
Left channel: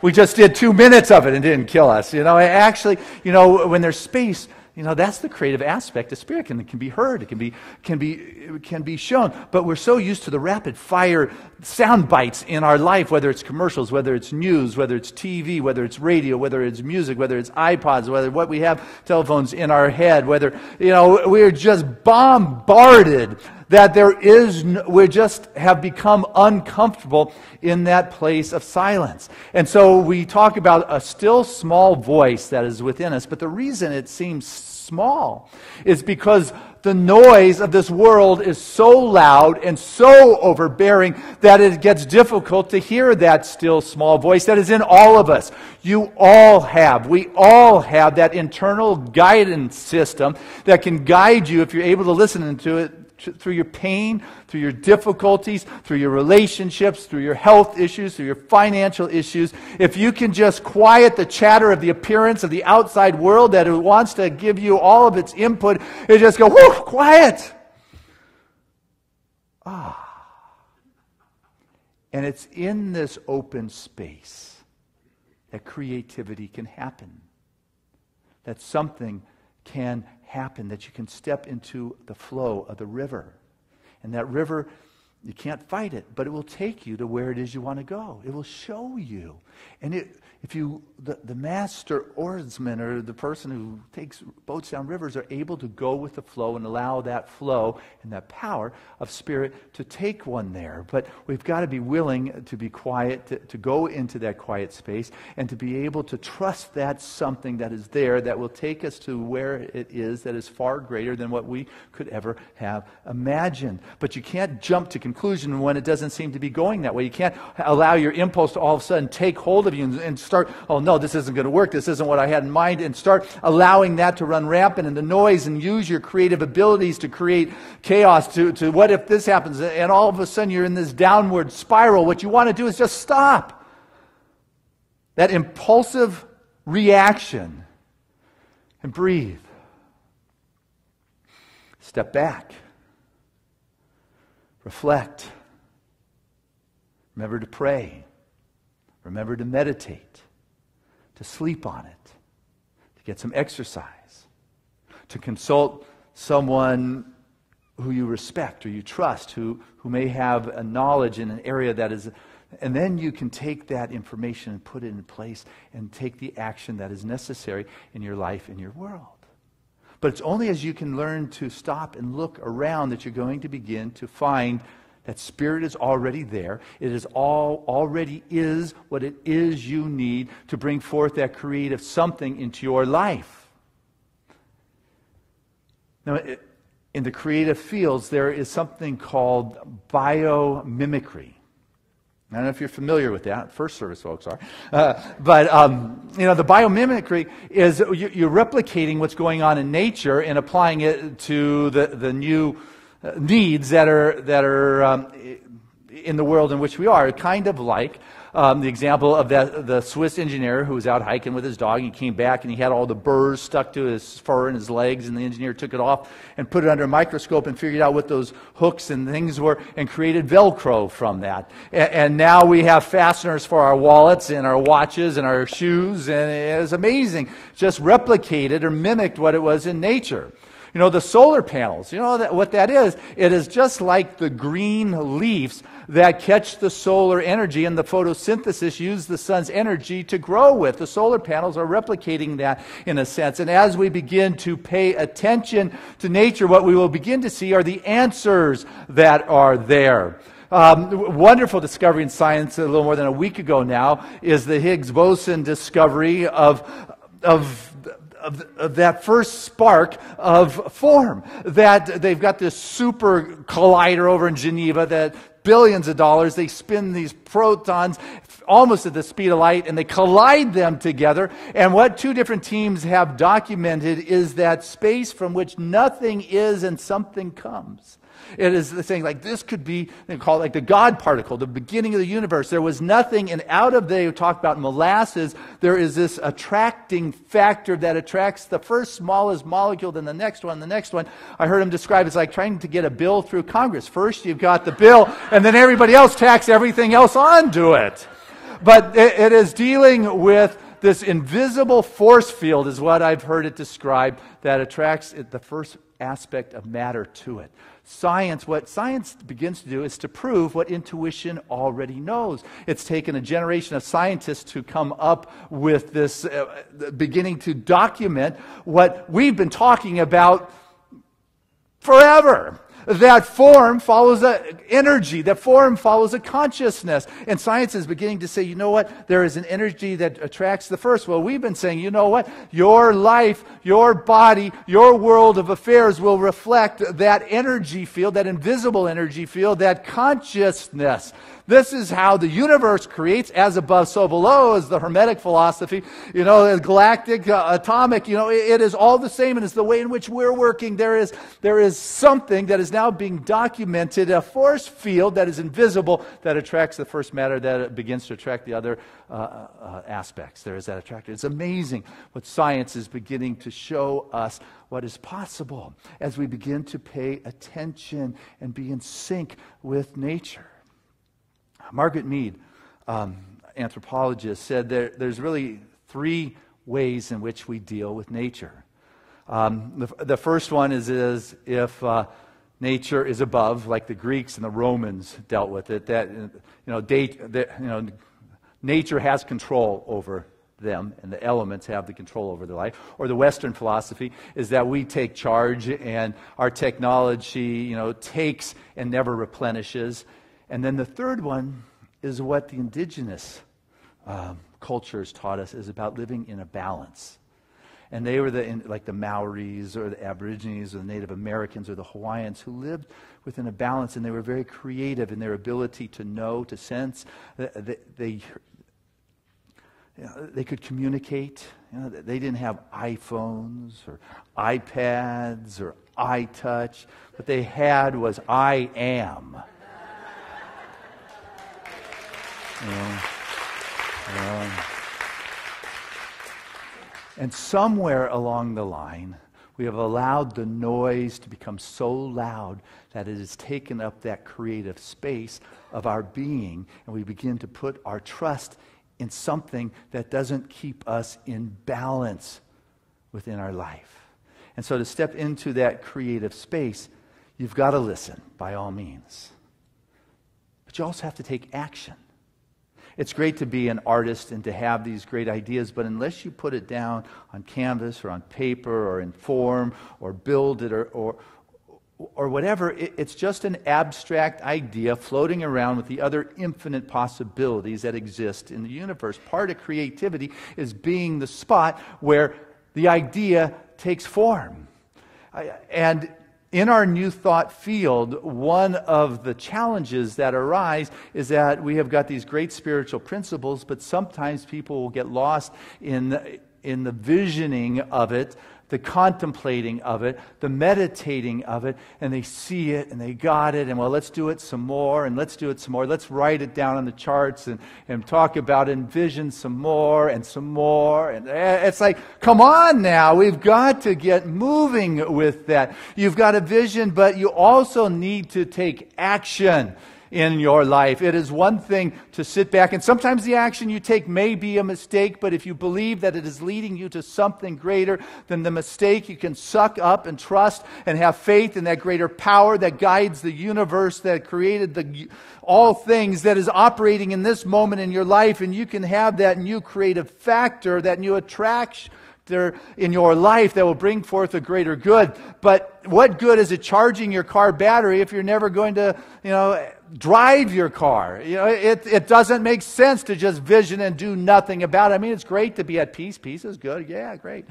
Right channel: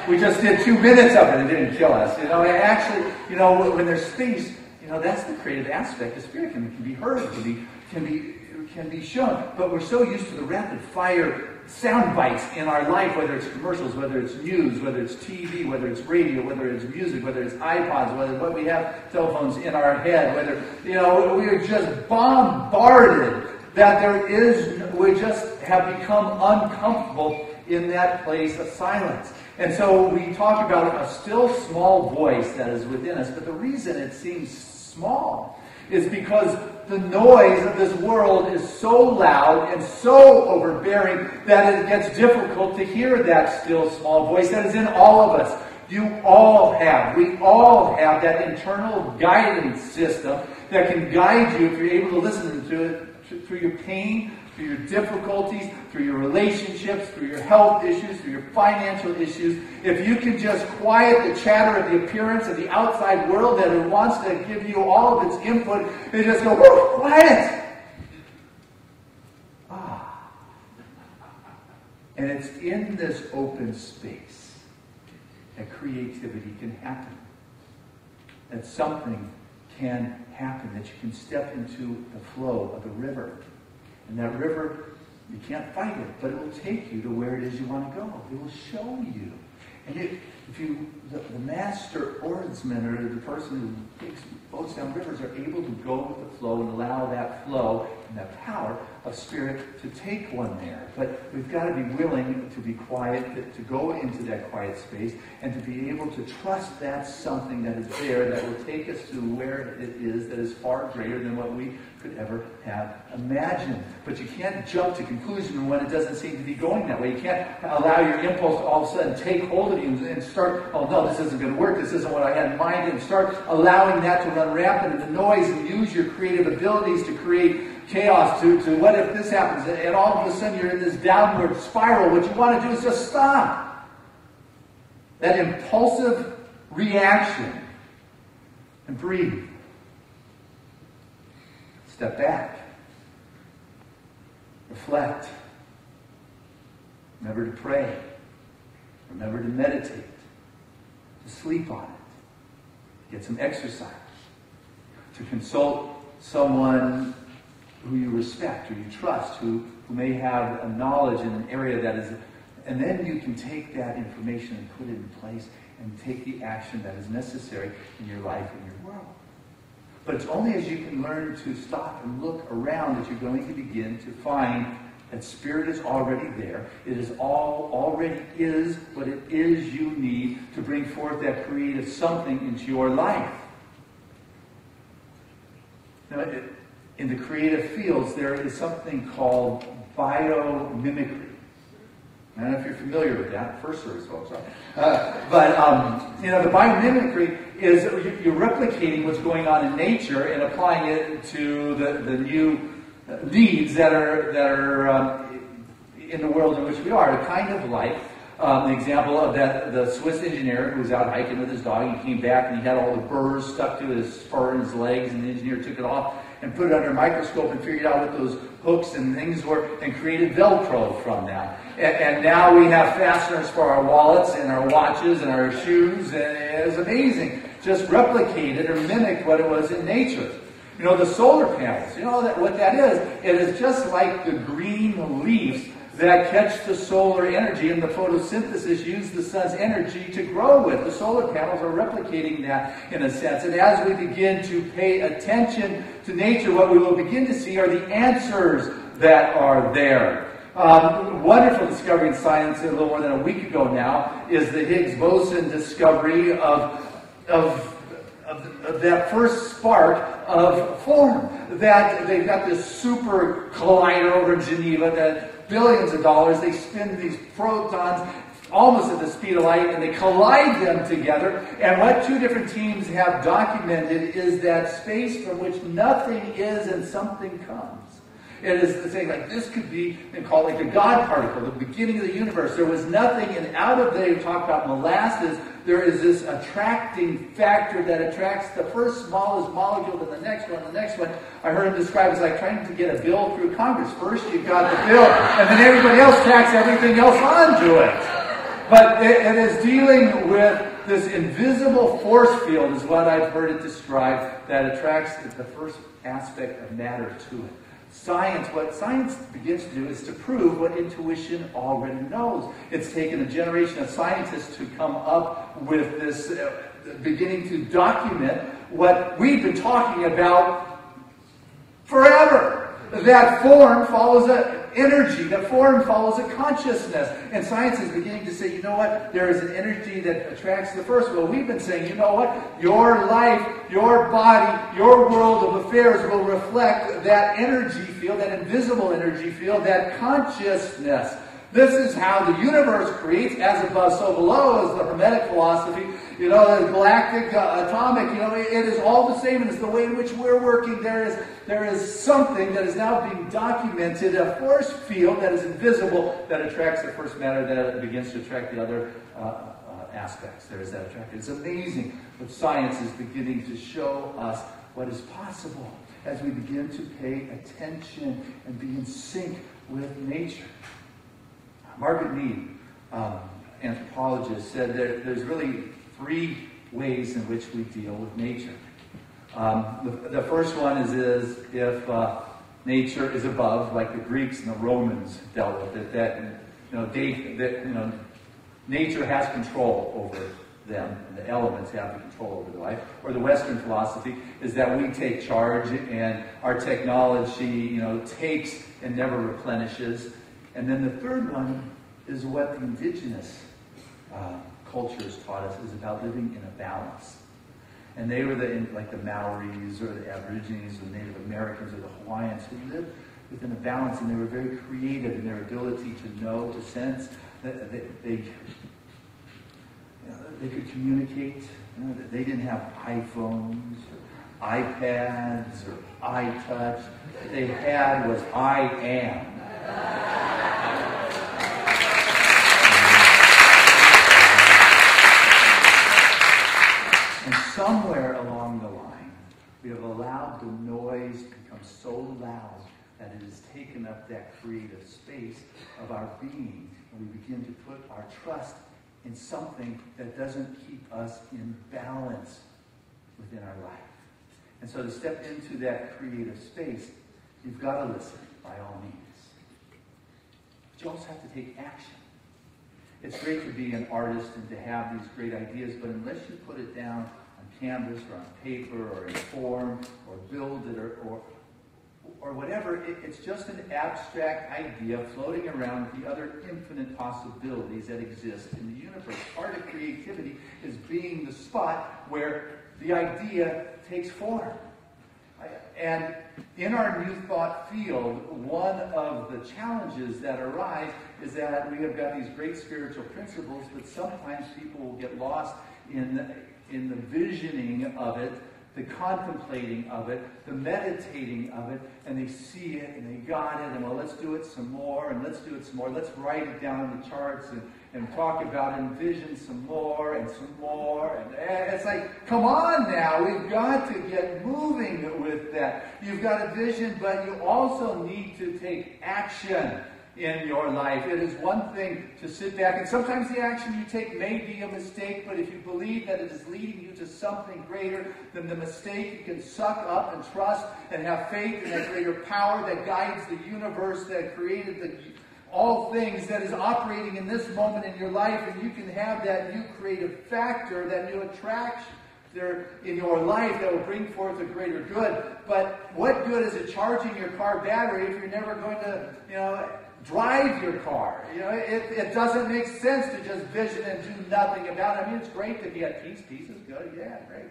We just did 2 minutes of it and it didn't kill us. You know, actually, you know, when there's space, you know, that's the creative aspect. The Spirit can be heard. It can be shown. But we're so used to the rapid fire sound bites in our life, whether it's commercials, whether it's news, whether it's TV, whether it's radio, whether it's music, whether it's iPods, whether what we have telephones in our head, whether, you know, we're just bombarded that we just have become uncomfortable in that place of silence. And so we talk about a still small voice that is within us, but the reason it seems small is because the noise of this world is so loud and so overbearing that it gets difficult to hear that still small voice that is in all of us. We all have that internal guidance system that can guide you if you're able to listen to it through your pain, through your difficulties, through your relationships, through your health issues, through your financial issues. If you can just quiet the chatter of the appearance of the outside world that wants to give you all of its input, and just go, whoo, quiet. And it's in this open space that creativity can happen. That something can happen, that you can step into the flow of the river. And that river, you can't fight it, but it will take you to where it is you want to go. It will show you. And the master oarsman, or the person who takes boats down rivers, are able to go with the flow and allow that flow and that power of Spirit to take one there. But we've got to be willing to be quiet, to go into that quiet space, and to be able to trust that something that is there that will take us to where it is that is far greater than what we could ever have imagined. But you can't jump to conclusion when it doesn't seem to be going that way. You can't allow your impulse to all of a sudden take hold of you and start, oh no, this isn't going to work, this isn't what I had in mind, and start allowing that to run rampant in the noise, and use your creative abilities to create chaos, to what if this happens, and all of a sudden you're in this downward spiral. What you want to do is just stop that impulsive reaction and breathe. Step back. Reflect. Remember to pray. Remember to meditate. to sleep on it, to get some exercise, to consult someone who you respect or you trust, who may have a knowledge in an area that is, and then you can take that information and put it in place and take the action that is necessary in your life and your world. But it's only as you can learn to stop and look around that you're going to begin to find that Spirit is already there. It is already is what it is you need to bring forth that creative something into your life. Now, in the creative fields, there is something called biomimicry. I don't know if you're familiar with that. First service folks are. The biomimicry is you're replicating what's going on in nature and applying it to the new needs that are in the world in which we are. Kind of like the example of the Swiss engineer who was out hiking with his dog. He came back and he had all the burrs stuck to his fur and his legs, and the engineer took it off and put it under a microscope and figured out what those hooks and things were and created Velcro from that. And now we have fasteners for our wallets and our watches and our shoes, and it's amazing. Just replicated or mimicked what it was in nature. You know, the solar panels, you know what that is? It is just like the green leaves that catch the solar energy, and the photosynthesis use the sun's energy to grow with. The solar panels are replicating that in a sense. And as we begin to pay attention to nature, what we will begin to see are the answers that are there. Wonderful discovery in science a little more than a week ago now is the Higgs boson discovery of that first spark of form. That they've got this super collider over in Geneva that billions of dollars, they spin these protons almost at the speed of light, and they collide them together. And what two different teams have documented is that space from which nothing is and something comes. It is the thing like this could be, they call it like the God particle, the beginning of the universe. There was nothing, and out of they talk about molasses, there is this attracting factor that attracts the first smallest molecule, then the next one, the next one. I heard him describe it as like trying to get a bill through Congress. First you've got the bill, and then everybody else tacks everything else onto it. But it is dealing with this invisible force field is what I've heard it described that attracts, it's the first aspect of matter to it. What science begins to do is to prove what intuition already knows. It's taken a generation of scientists to come up with this, beginning to document what we've been talking about forever. That form follows an energy. That form follows a consciousness. And science is beginning to say, you know what? There is an energy that attracts the first. Well, we've been saying, you know what? Your life, your body, your world of affairs will reflect that energy field, that invisible energy field, that consciousness. This is how the universe creates, as above, so below, is the Hermetic philosophy. You know, the galactic, atomic, you know, it is all the same. It is the way in which we're working. There is something that is now being documented, a force field that is invisible that attracts the first matter, that begins to attract the other aspects. There is that attraction. It's amazing what science is beginning to show us what is possible as we begin to pay attention and be in sync with nature. Margaret Mead, anthropologist, said there's really three ways in which we deal with nature. The first one is if nature is above, like the Greeks and the Romans dealt with it. That nature has control over them, and the elements have the control over their life. Or the Western philosophy is that we take charge, and our technology, takes and never replenishes. And then the third one is what the indigenous cultures taught us, is about living in a balance. And they were like the Maoris or the Aborigines or the Native Americans or the Hawaiians who lived within a balance, and they were very creative in their ability to know, to sense. They could communicate. They didn't have iPhones or iPads or iTouch. What they had was I am. And somewhere along the line, we have allowed the noise to become so loud that it has taken up that creative space of our being, and we begin to put our trust in something that doesn't keep us in balance within our life. And so to step into that creative space, you've got to listen, by all means. But you also have to take action. It's great to be an artist and to have these great ideas, but unless you put it down on canvas or on paper or in form or build it or whatever, it's just an abstract idea floating around with the other infinite possibilities that exist in the universe. Part of creativity is being the spot where the idea takes form. And in our New Thought field, one of the challenges that arise is that we have got these great spiritual principles, but sometimes people will get lost in the visioning of it, the contemplating of it, the meditating of it, and they see it and they got it, and well, let's do it some more, and let's do it some more. Let's write it down on the charts and talk about it and vision some more and some more. And it's like, come on now, we've got to get moving with that. You've got a vision, but you also need to take action in your life. It is one thing to sit back, and sometimes the action you take may be a mistake, but if you believe that it is leading you to something greater than the mistake, you can suck up and trust and have faith in that greater power that guides the universe, that created all things, that is operating in this moment in your life, and you can have that new creative factor, that new attraction in your life that will bring forth a greater good. But what good is it charging your car battery if you're never going to, drive your car? It doesn't make sense to just vision and do nothing about it. I mean, it's great to be at peace. Peace is good. Yeah, great.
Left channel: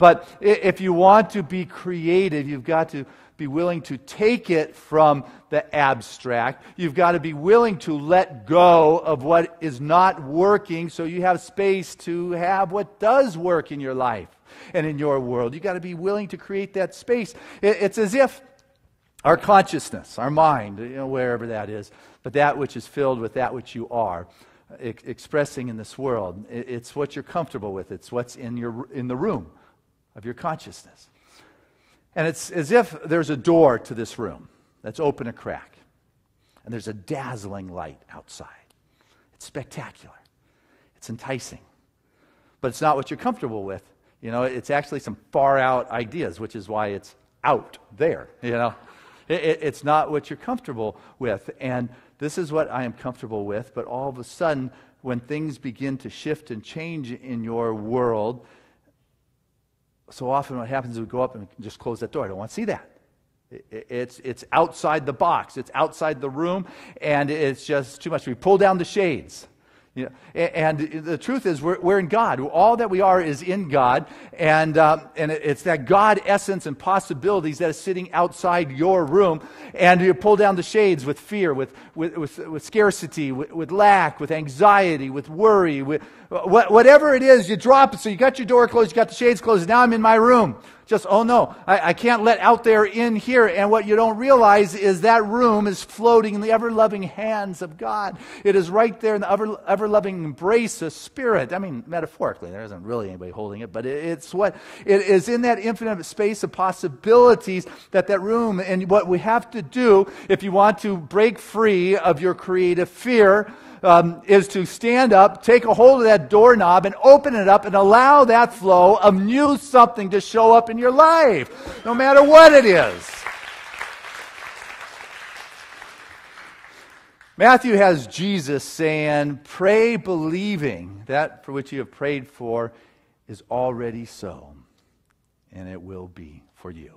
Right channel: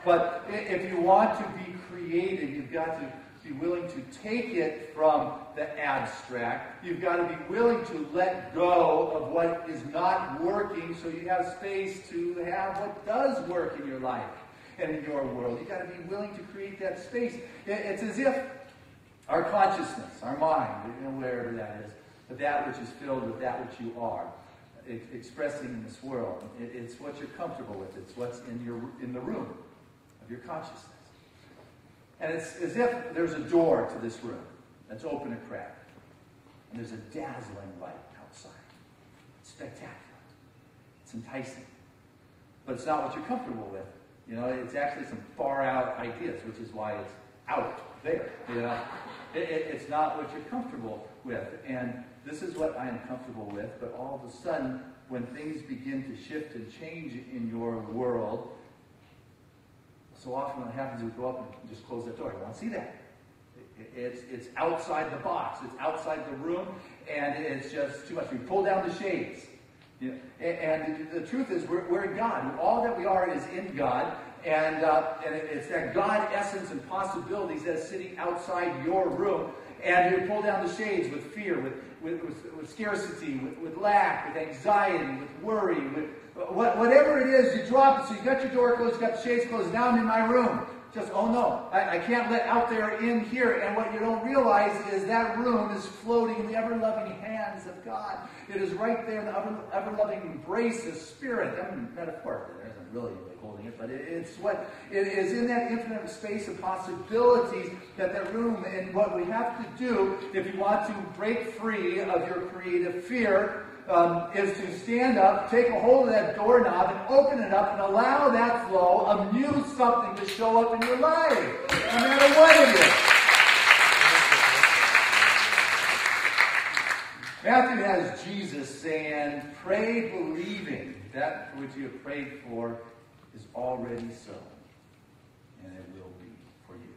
But if you want to be creative, you've got to be willing to take it from the abstract. You've got to be willing to let go of what is not working so you have space to have what does work in your life and in your world. You've got to be willing to create that space. It's as if our consciousness, our mind, wherever that is, but that which is filled with that which you are, expressing in this world, it's what you're comfortable with. It's what's in the room of your consciousness. And it's as if there's a door to this room that's open a crack, and there's a dazzling light outside. It's spectacular. It's enticing. But it's not what you're comfortable with. It's actually some far out ideas, which is why it's out there, It's not what you're comfortable with. And this is what I am comfortable with. But all of a sudden, when things begin to shift and change in your world, so often what happens is we go up and just close that door. I don't want to see that. It's outside the box. It's outside the room. And it's just too much. We pull down the shades. And the truth is, we're in God. All that we are is in God. And it's that God essence and possibilities that is sitting outside your room. And you pull down the shades with fear, with scarcity, with lack, with anxiety, with worry, with whatever it is, you drop it. So you got your door closed, you got the shades closed. Now I'm in my room. Just, oh no, I can't let out there in here. And what you don't realize is that room is floating in the ever-loving hands of God. It is right there in the ever-loving embrace of Spirit. I mean, metaphorically, there isn't really anybody holding it, but it is in that infinite space of possibilities that room. And what we have to do, if you want to break free of your creative fear, is to stand up, take a hold of that doorknob and open it up and allow that flow of new something to show up in your life, no matter what it is. Matthew has Jesus saying, pray believing that for which you have prayed for is already so, and it will be for you.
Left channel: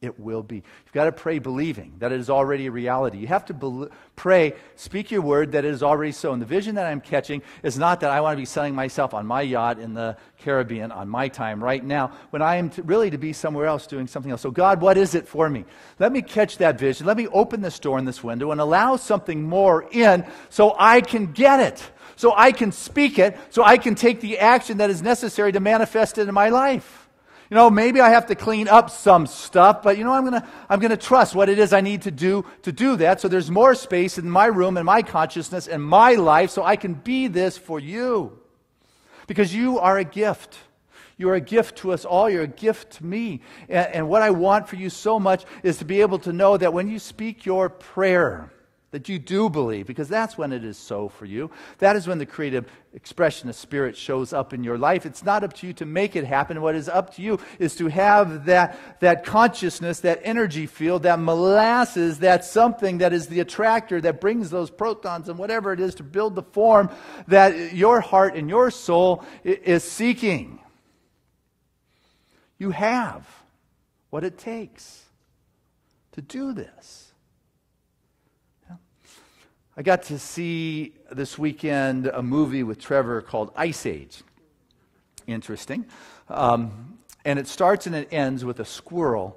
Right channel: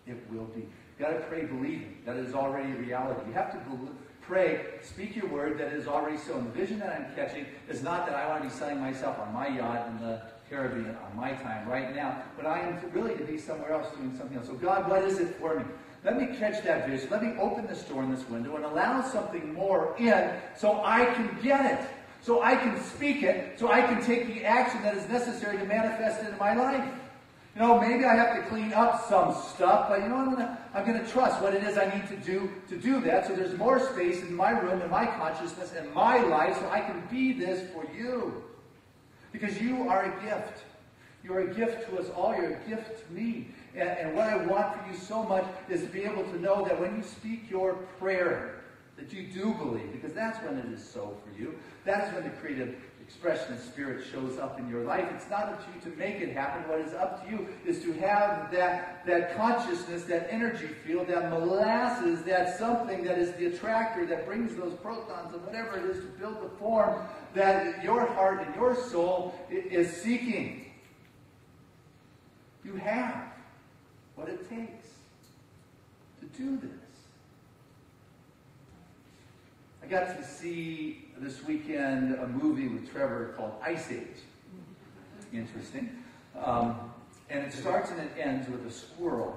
It will be. You've got to pray believing that it is already a reality. You have to pray, speak your word that it is already so. And the vision that I'm catching is not that I want to be selling myself on my yacht in the Caribbean on my time right now, when I am really to be somewhere else doing something else. So God, what is it for me? Let me catch that vision. Let me open this door and this window and allow something more in so I can get it, so I can speak it, so I can take the action that is necessary to manifest it in my life. Maybe I have to clean up some stuff, but I'm gonna trust what it is I need to do that. So there's more space in my room and my consciousness and my life, so I can be this for you, because you are a gift. You are a gift to us all. You're a gift to me. And what I want for you so much is to be able to know that when you speak your prayer, that you do believe, because that's when it is so for you. That is when the creative expression of Spirit shows up in your life. It's not up to you to make it happen. What is up to you is to have that consciousness, that energy field, that molasses, that something that is the attractor that brings those protons and whatever it is to build the form that your heart and your soul is seeking. You have what it takes to do this. I got to see this weekend a movie with Trevor called Ice Age. Interesting. And it starts and it ends with a squirrel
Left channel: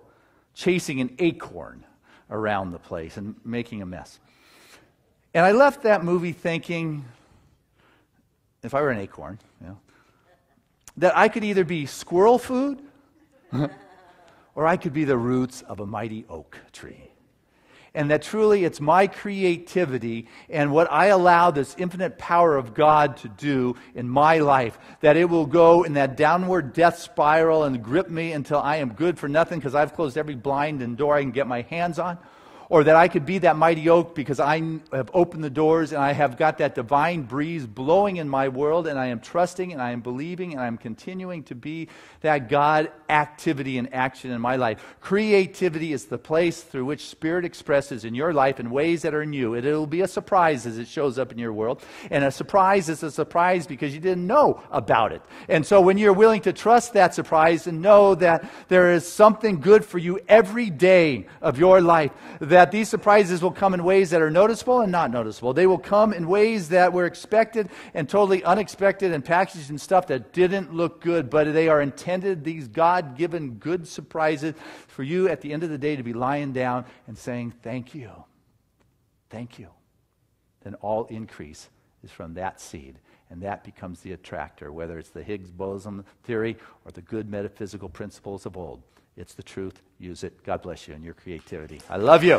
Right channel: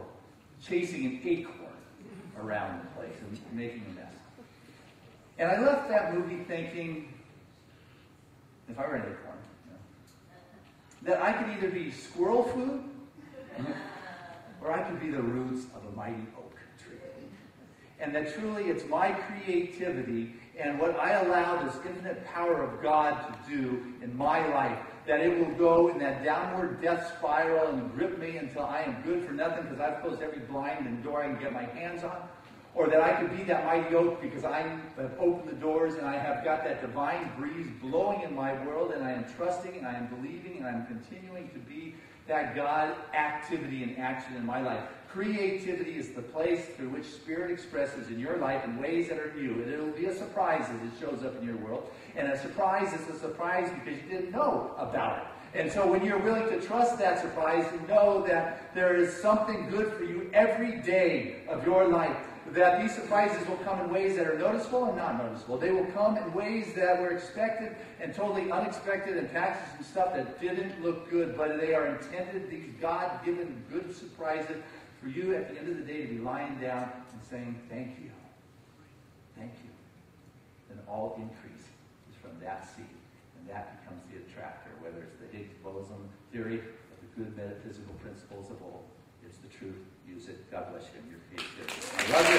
chasing an acorn around the place and making a mess. And I left that movie thinking, if I were an acorn, that I could either be squirrel food or I could be the roots of a mighty oak tree. And that truly it's my creativity and what I allow this infinite power of God to do in my life, that it will go in that downward death spiral and grip me until I am good for nothing because I've closed every blind and door I can get my hands on. Or that I could be that mighty oak because I have opened the doors and I have got that divine breeze blowing in my world, and I am trusting and I am believing and I am continuing to be that God activity and action in my life. Creativity is the place through which Spirit expresses in your life in ways that are new. It'll be a surprise as it shows up in your world. And a surprise is a surprise because you didn't know about it. And so when you're willing to trust that surprise and know that there is something good for you every day of your life, that these surprises will come in ways that are noticeable and not noticeable. They will come in ways that were expected and totally unexpected and packaged and stuff that didn't look good, but they are intended, these God-given good surprises, for you at the end of the day to be lying down and saying, thank you. Thank you. Then all increase is from that seed, and that becomes the attractor, whether it's the Higgs boson theory or the good metaphysical principles of old. It's the truth. Use it. God bless you and your creativity. I love you.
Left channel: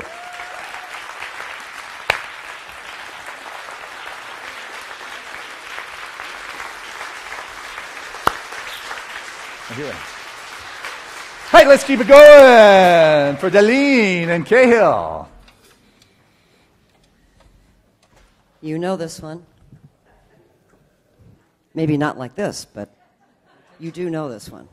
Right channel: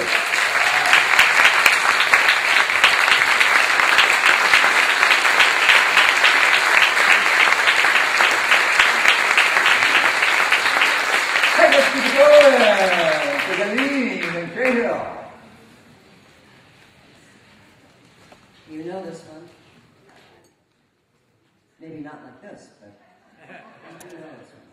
Hey, let's keep it going for Darlene and Cahill. You know this one. Maybe not like this, but you do know this one.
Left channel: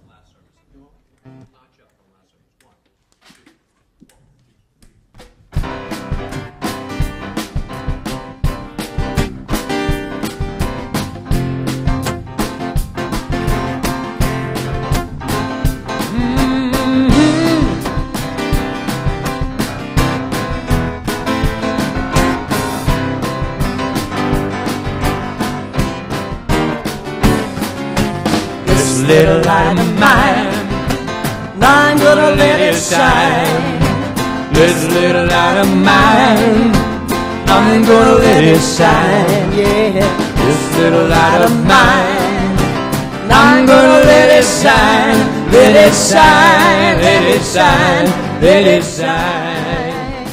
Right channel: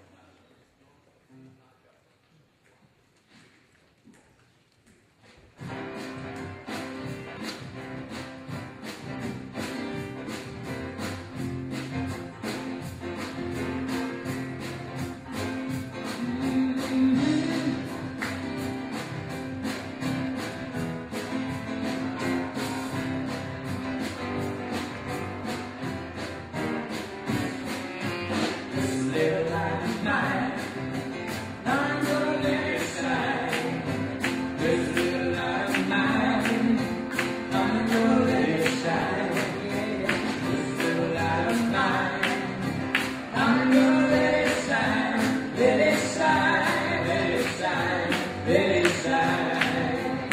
Little light of mine, And I'm gonna let it shine. this little light of mine, I'm gonna let it shine. Yeah. This little light of mine, And I'm gonna let it shine. let it shine, let it shine, let it shine.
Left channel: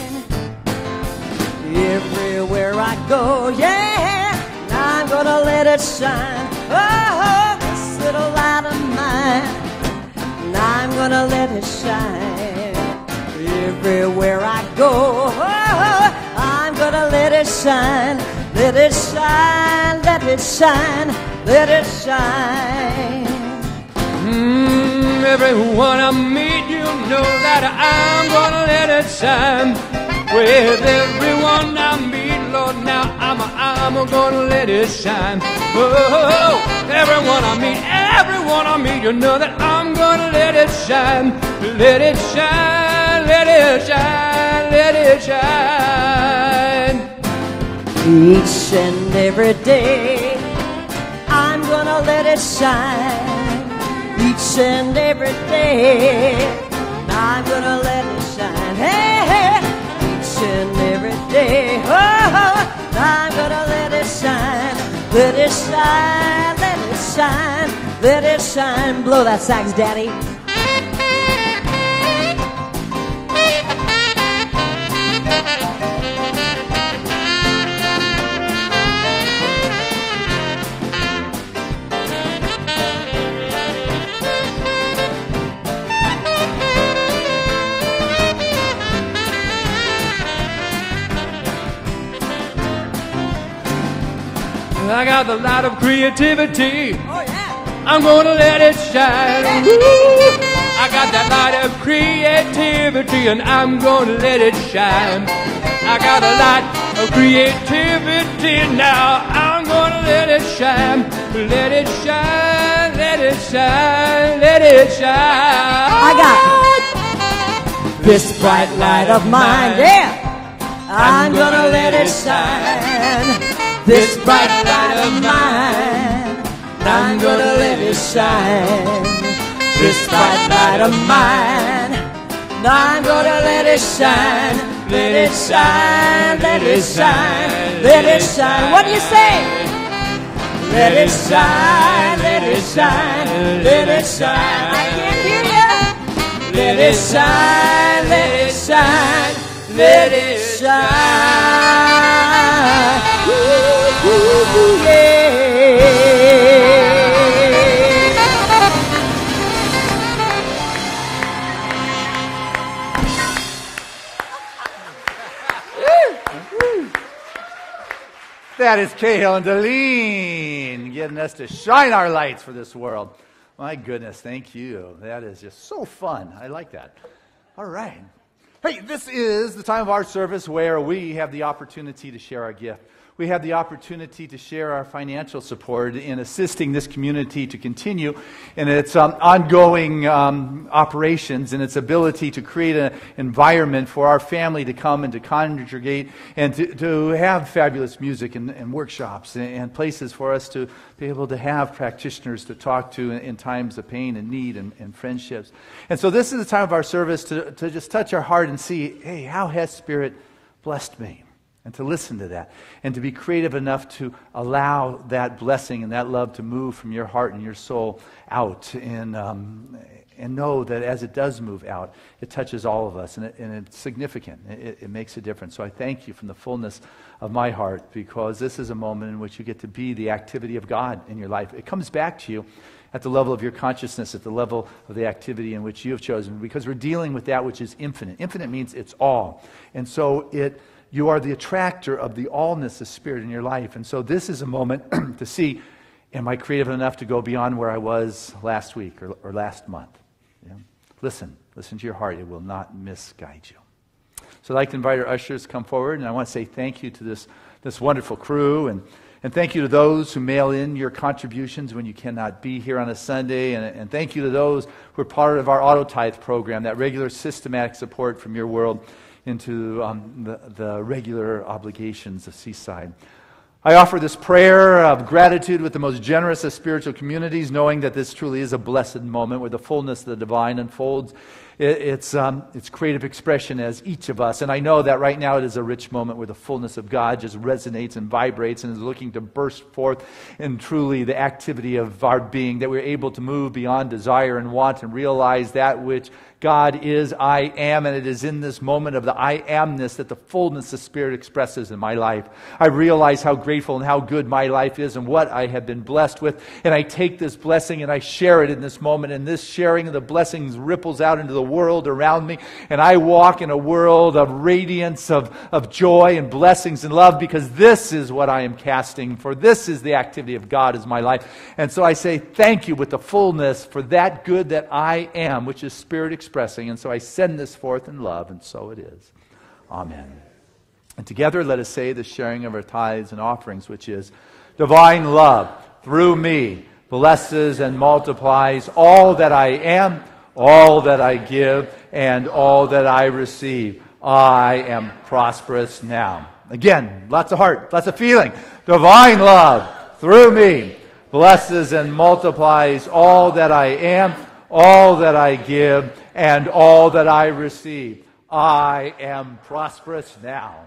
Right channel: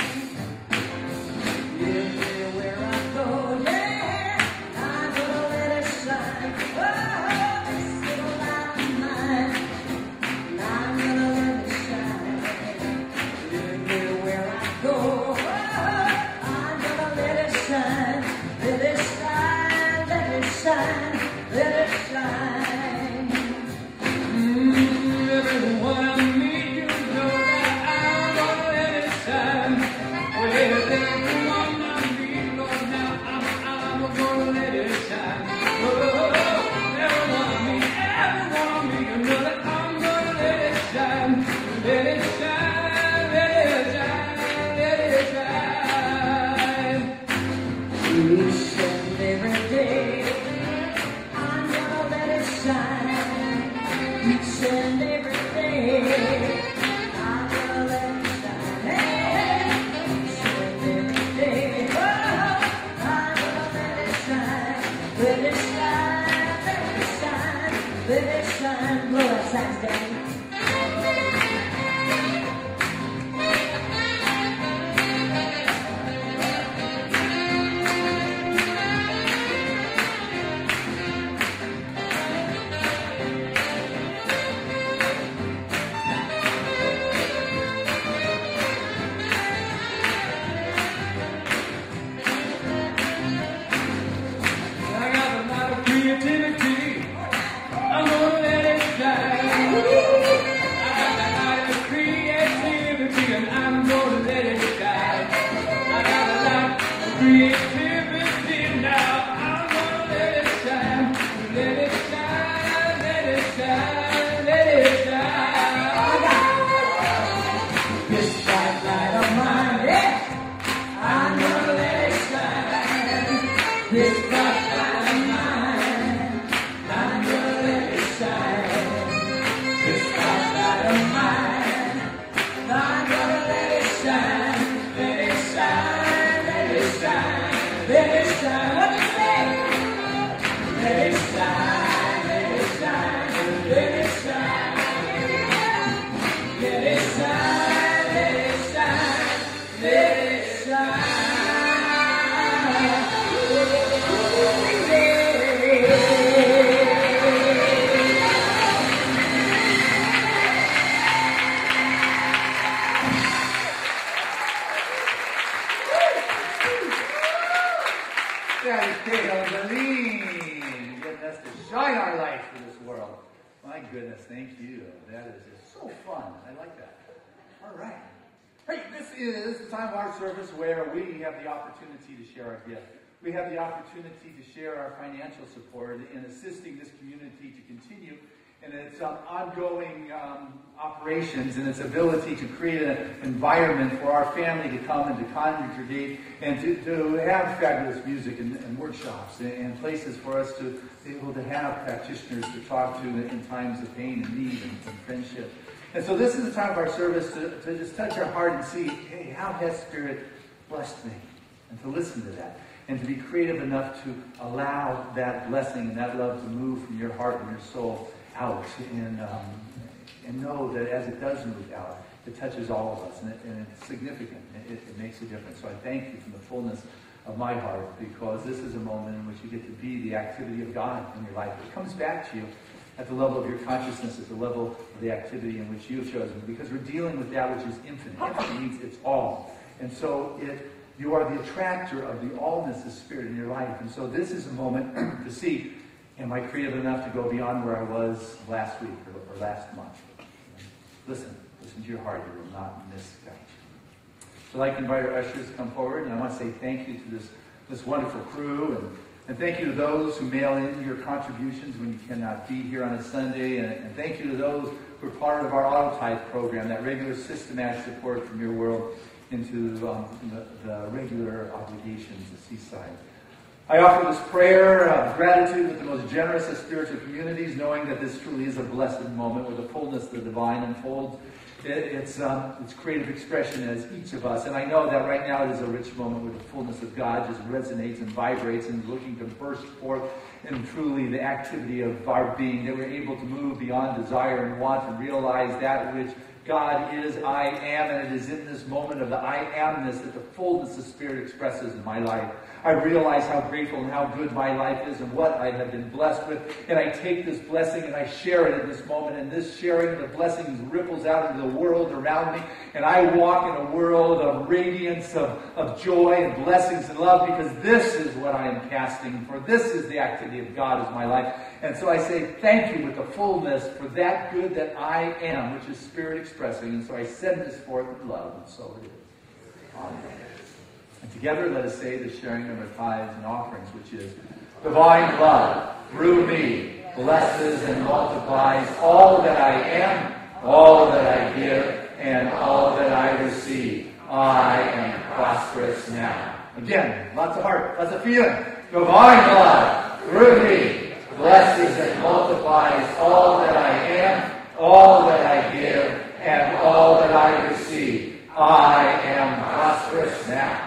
Everywhere I go, yeah. And I'm gonna let it shine. Oh, this little light of mine. And I'm gonna let it shine. Everywhere I go, oh, I'm gonna let it shine. Let it shine, let it shine, let it shine. Everyone I meet, you know that I'm gonna let it shine. With everyone I meet, Lord, now I'm gonna let it shine. Oh, everyone I meet, you know that I'm gonna let it shine. Let it shine, let it shine, let it shine. Each and every day, I'm gonna let it shine. Each and every day, I'm gonna let it shine. Hey, hey. Each and every day, oh, I'm gonna let it shine. Let it shine, let it shine, let it shine. Blow that sax, Daddy. I got the light of creativity. I'm gonna let it shine. I got that light of creativity, and I'm gonna let it shine. I got a light of creativity now. I'm gonna let it shine. Let it shine, let it shine, let it shine. I got this bright light of mine, yeah. I'm gonna let it shine. This bright light of mine, I'm gonna let it shine. This bright light of mine, I'm gonna let it shine. Let it shine, let it shine, let it shine. What do you say? Let it shine, let it shine, let it shine. I can't hear you. Let it shine, let it shine, let it shine. Ooh, yeah. That is Cahill and Deline getting us to shine our lights for this world. My goodness, thank you. That is just so fun. I like that. All right. Hey, this is the time of our service where we have the opportunity to share our gift. We have the opportunity to share our financial support in assisting this community to continue in its ongoing operations and its ability to create an environment for our family to come and to congregate and to have fabulous music and workshops and places for us to be able to have practitioners to talk to in times of pain and need and friendships. And so this is the time of our service to just touch our heart and see, hey, how has Spirit blessed me? And to listen to that. And to be creative enough to allow that blessing and that love to move from your heart and your soul out. And know that as it does move out, it touches all of us. And it's significant. It makes a difference. So I thank you from the fullness of my heart, because this is a moment in which you get to be the activity of God in your life. It comes back to you at the level of your consciousness, at the level of the activity in which you have chosen. Because we're dealing with that which is infinite. Infinite means it's all. And so you are the attractor of the allness of Spirit in your life. And so this is a moment to see, am I creative enough to go beyond where I was last week or last month? You know? Listen to your heart. It will not misguide you. So I'd like to invite our ushers to come forward. And I want to say thank you to this wonderful crew. And thank you to those who mail in your contributions when you cannot be here on a Sunday. And thank you to those who are part of our Auto Tithe program, that regular systematic support from your world into the regular obligations of Seaside. I offer this prayer of gratitude with the most generous of spiritual communities, knowing that this truly is a blessed moment where the fullness of the divine unfolds its creative expression as each of us. And I know that right now it is a rich moment where the fullness of God just resonates and vibrates and is looking to burst forth in truly the activity of our being, that we're able to move beyond desire and want and realize that which God is, I am, and it is in this moment of the I amness that the fullness of Spirit expresses in my life. I realize how grateful and how good my life is and what I have been blessed with, and I take this blessing and I share it in this moment, and this sharing of the blessings ripples out into the world around me, and I walk in a world of radiance, of joy and blessings and love, because this is what I am casting, for this is the activity of God as my life. And so I say thank you with the fullness for that good that I am, which is Spirit expressing. And so I send this forth in love, and so it is. Amen. And together let us say the sharing of our tithes and offerings, which is, divine love through me blesses and multiplies all that I am, all that I give, and all that I receive. I am prosperous now. Again, lots of heart, lots of feeling. Divine love through me blesses and multiplies all that I am, all that I give, and all that I receive. I am prosperous now.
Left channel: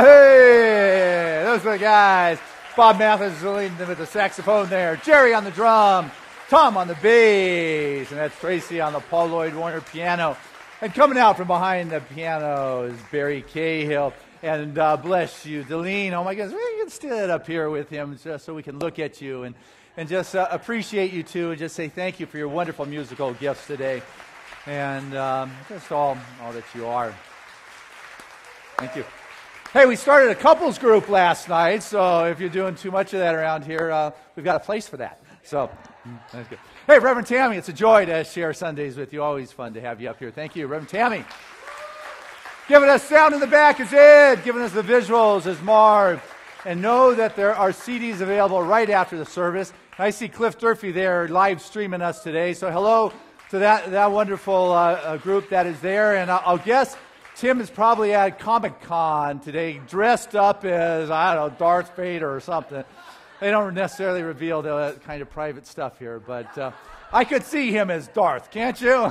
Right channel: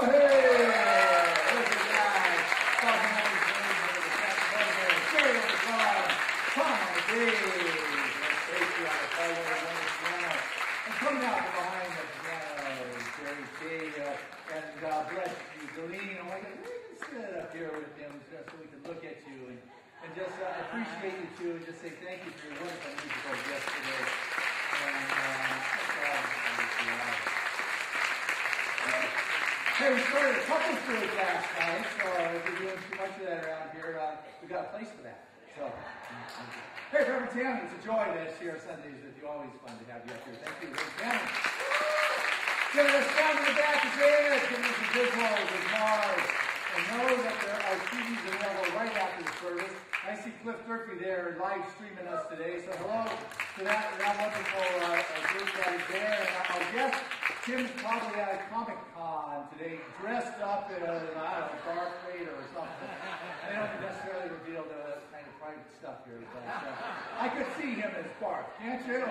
Hey, those are the guys. Bob Mathis is leading them with the saxophone there. Jerry on the drum. Tom on the bass. And that's Tracy on the Paul Lloyd Warner piano. And coming out from behind the piano is Barry Cahill. And bless you, Deline. Oh my goodness, we can stand up here with him just so we can look at you and just appreciate you too, and just say thank you for your wonderful musical gifts today. And just all that you are. Thank you. Hey, we started a couples group last night, so if you're doing too much of that around here, we've got a place for that. So, thank you. Hey, Reverend Tammy, it's a joy to share Sundays with you. Always fun to have you up here. Thank you, Reverend Tammy. Giving us sound in the back is Ed. Giving us the visuals is Marv. And know that there are CDs available right after the service. I see Cliff Durfee there live streaming us today. So hello to that wonderful group that is there. And I'll guess Tim is probably at Comic-Con today, dressed up as, I don't know, Darth Vader or something. They don't necessarily reveal the kind of private stuff here, but I could see him as Darth, can't you?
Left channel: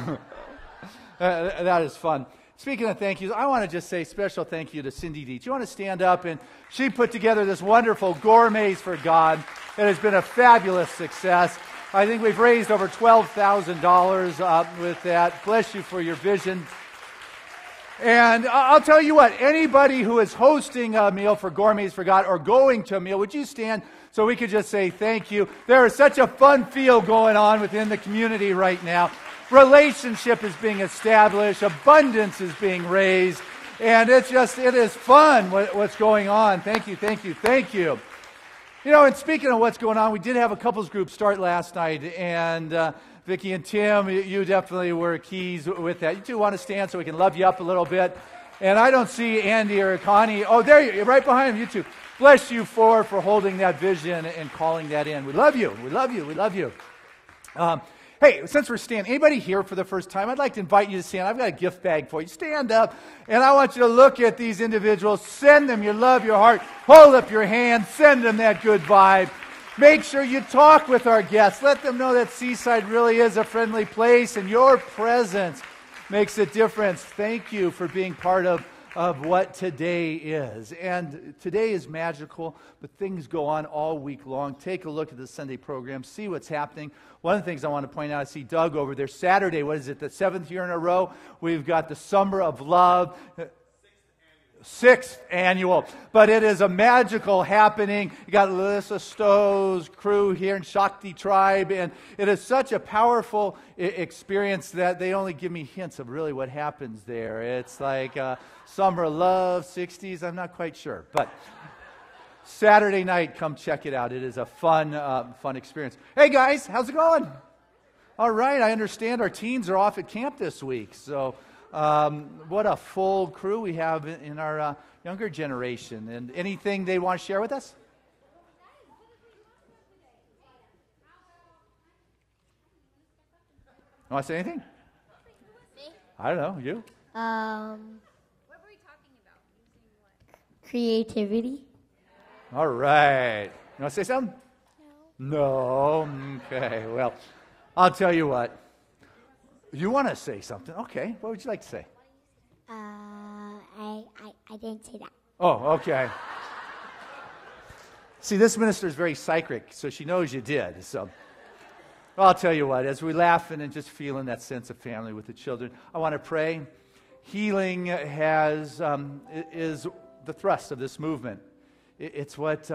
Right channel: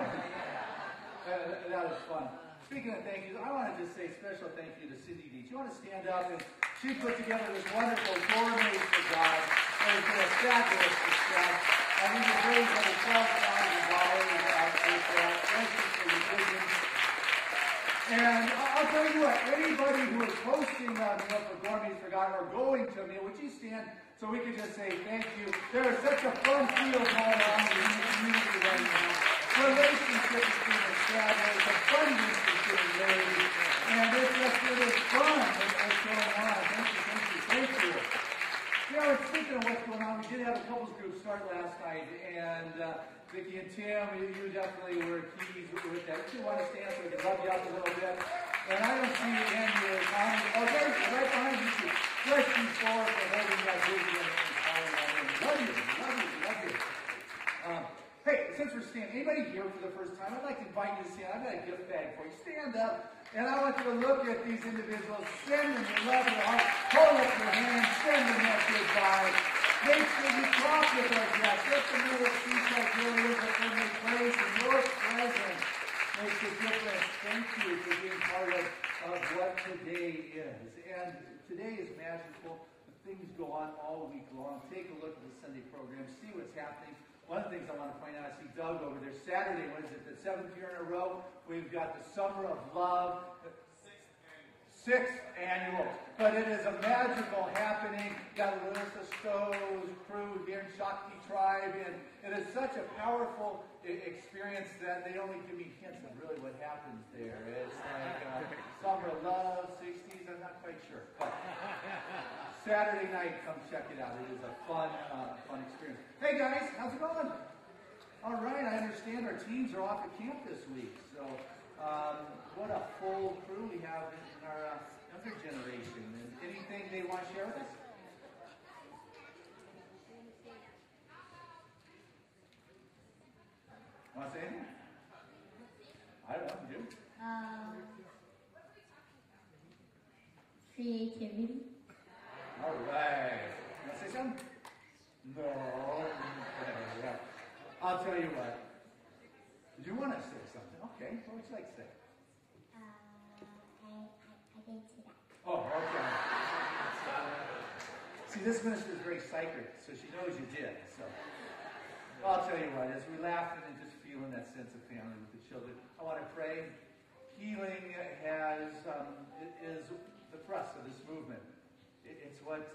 That is fun. Speaking of thank yous, I want to just say special thank you to Cindy D. Do you want to stand up? And she put together this wonderful Gourmets for God. It has been a fabulous success. I think we've raised over $12,000 with that. Bless you for your vision. And I'll tell you what, anybody who is hosting a meal for Gourmets for God or going to a meal, would you stand so we could just say thank you? There is such a fun feel going on within the community right now. Relationship is being established, abundance is being raised, and it is fun what's going on. Thank you, thank you, thank you. You know, and speaking of what's going on, we did have a couples group start last night, and Vicki and Tim, you definitely were keys with that. You two want to stand so we can love you up a little bit. And I don't see Andy or Connie. Oh, there you are, right behind you two. Bless you for holding that vision and calling that in. We love you. We love you. We love you. Hey, since we're standing, anybody here for the first time, I'd like to invite you to stand. I've got a gift bag for you. Stand up, and I want you to look at these individuals. Send them your love, your heart. Hold up your hand. Send them that good vibe. Make sure you talk with our guests. Let them know that Seaside really is a friendly place, and your presence makes a difference. Thank you for being part of what today is. And today is magical, but things go on all week long. Take a look at the Sunday program. See what's happening. One of the things I want to point out, I see Doug over there. Saturday, what is it, the 7th year in a row? We've got the Summer of Love. 6th annual. But it is a magical happening. You got Alyssa Stowe's crew here in Shakti Tribe, and it is such a powerful experience that they only give me hints of really what happens there. It's like Summer of Love, 60s, I'm not quite sure. But Saturday night, come check it out. It is a fun experience. Hey guys, how's it going? All right, I understand our teens are off at camp this week, so what a full crew we have in our younger generation. And anything they want to share with us? You want to say anything? Me? I don't know. You? What were we talking about? Creativity. All right. You want to say something? No? Okay. Well, I'll tell you what. You want to say something? Okay. What would you like to say? I didn't say that. Oh, okay. See, this minister is very psychic, so she knows you did. So, well, I'll tell you what. As we're laughing and just feeling that sense of family with the children, I want to pray. Healing is the thrust of this movement. It's what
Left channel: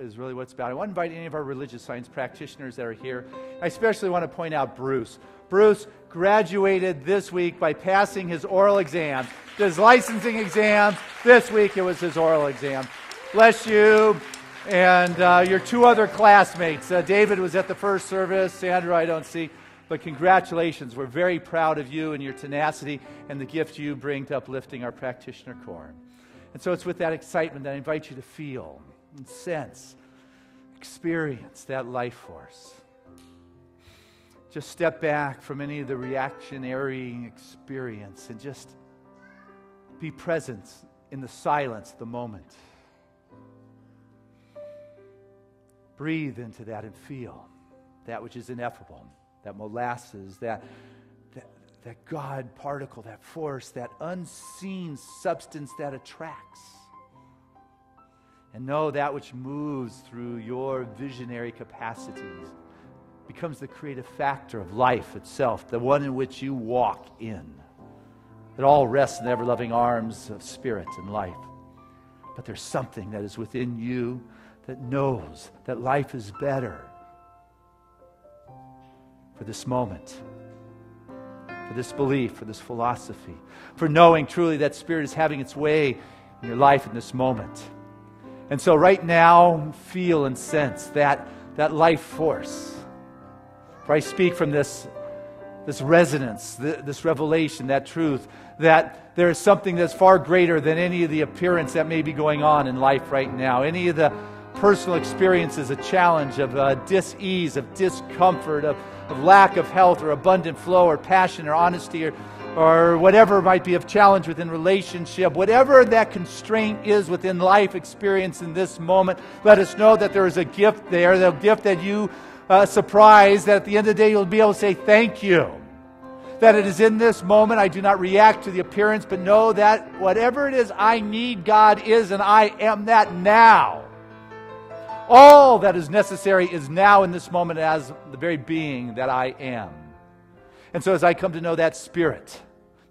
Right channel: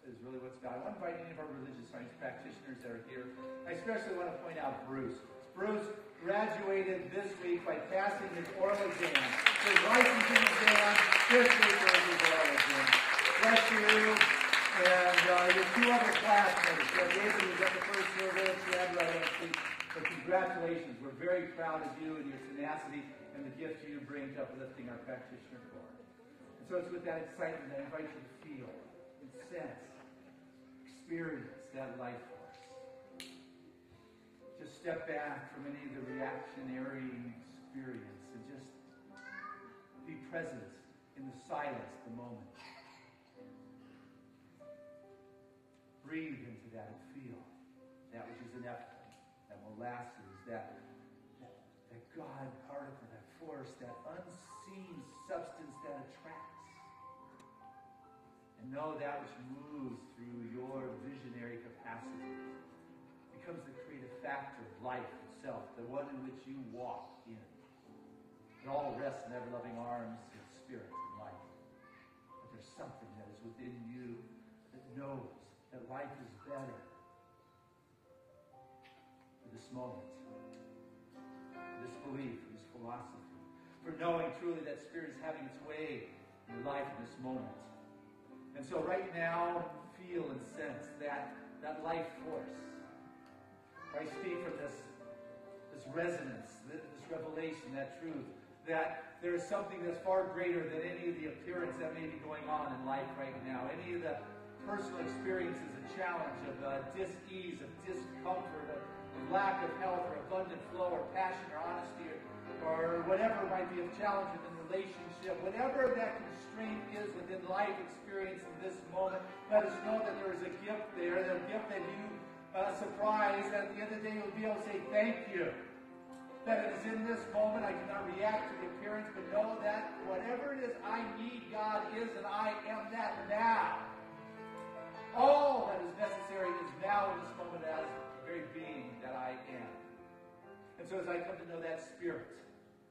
is really what it's about. I want to invite any of our religious science practitioners that are here. I especially want to point out Bruce. Bruce graduated this week by passing his oral exam. His licensing exam, this week it was his oral exam. Bless you. And your two other classmates. David was at the first service. Sandra, I don't see. But congratulations. We're very proud of you and your tenacity and the gift you bring to uplifting our practitioner corps. And so it's with that excitement that I invite you to feel and sense, experience that life force. Just step back from any of the reactionary experience and just be present in the silence, the moment. Breathe into that and feel that which is ineffable, that molasses, that God particle, that force, that unseen substance that attracts And know that which moves through your visionary capacities becomes the creative factor of life itself, the one in which you walk in. It all rests in the ever-loving arms of spirit and life. But there's something that is within you that knows that life is better for this moment, for this belief, for this philosophy, for knowing truly that Spirit is having its way in your life in this moment. And so right now, feel and sense that life force. For I speak from this resonance, this revelation, that truth, that there is something that's far greater than any of the appearance that may be going on in life right now. Any of the personal experiences, a challenge of dis-ease, of discomfort, of lack of health or abundant flow or passion or honesty or whatever might be of challenge within relationship, whatever that constraint is within life experience in this moment, let us know that there is a gift there, the gift that you surprise, that at the end of the day you'll be able to say thank you. That it is in this moment I do not react to the appearance, but know that whatever it is I need, God is, and I am that now. All that is necessary is now in this moment as the very being that I am. And so as I come to know that Spirit,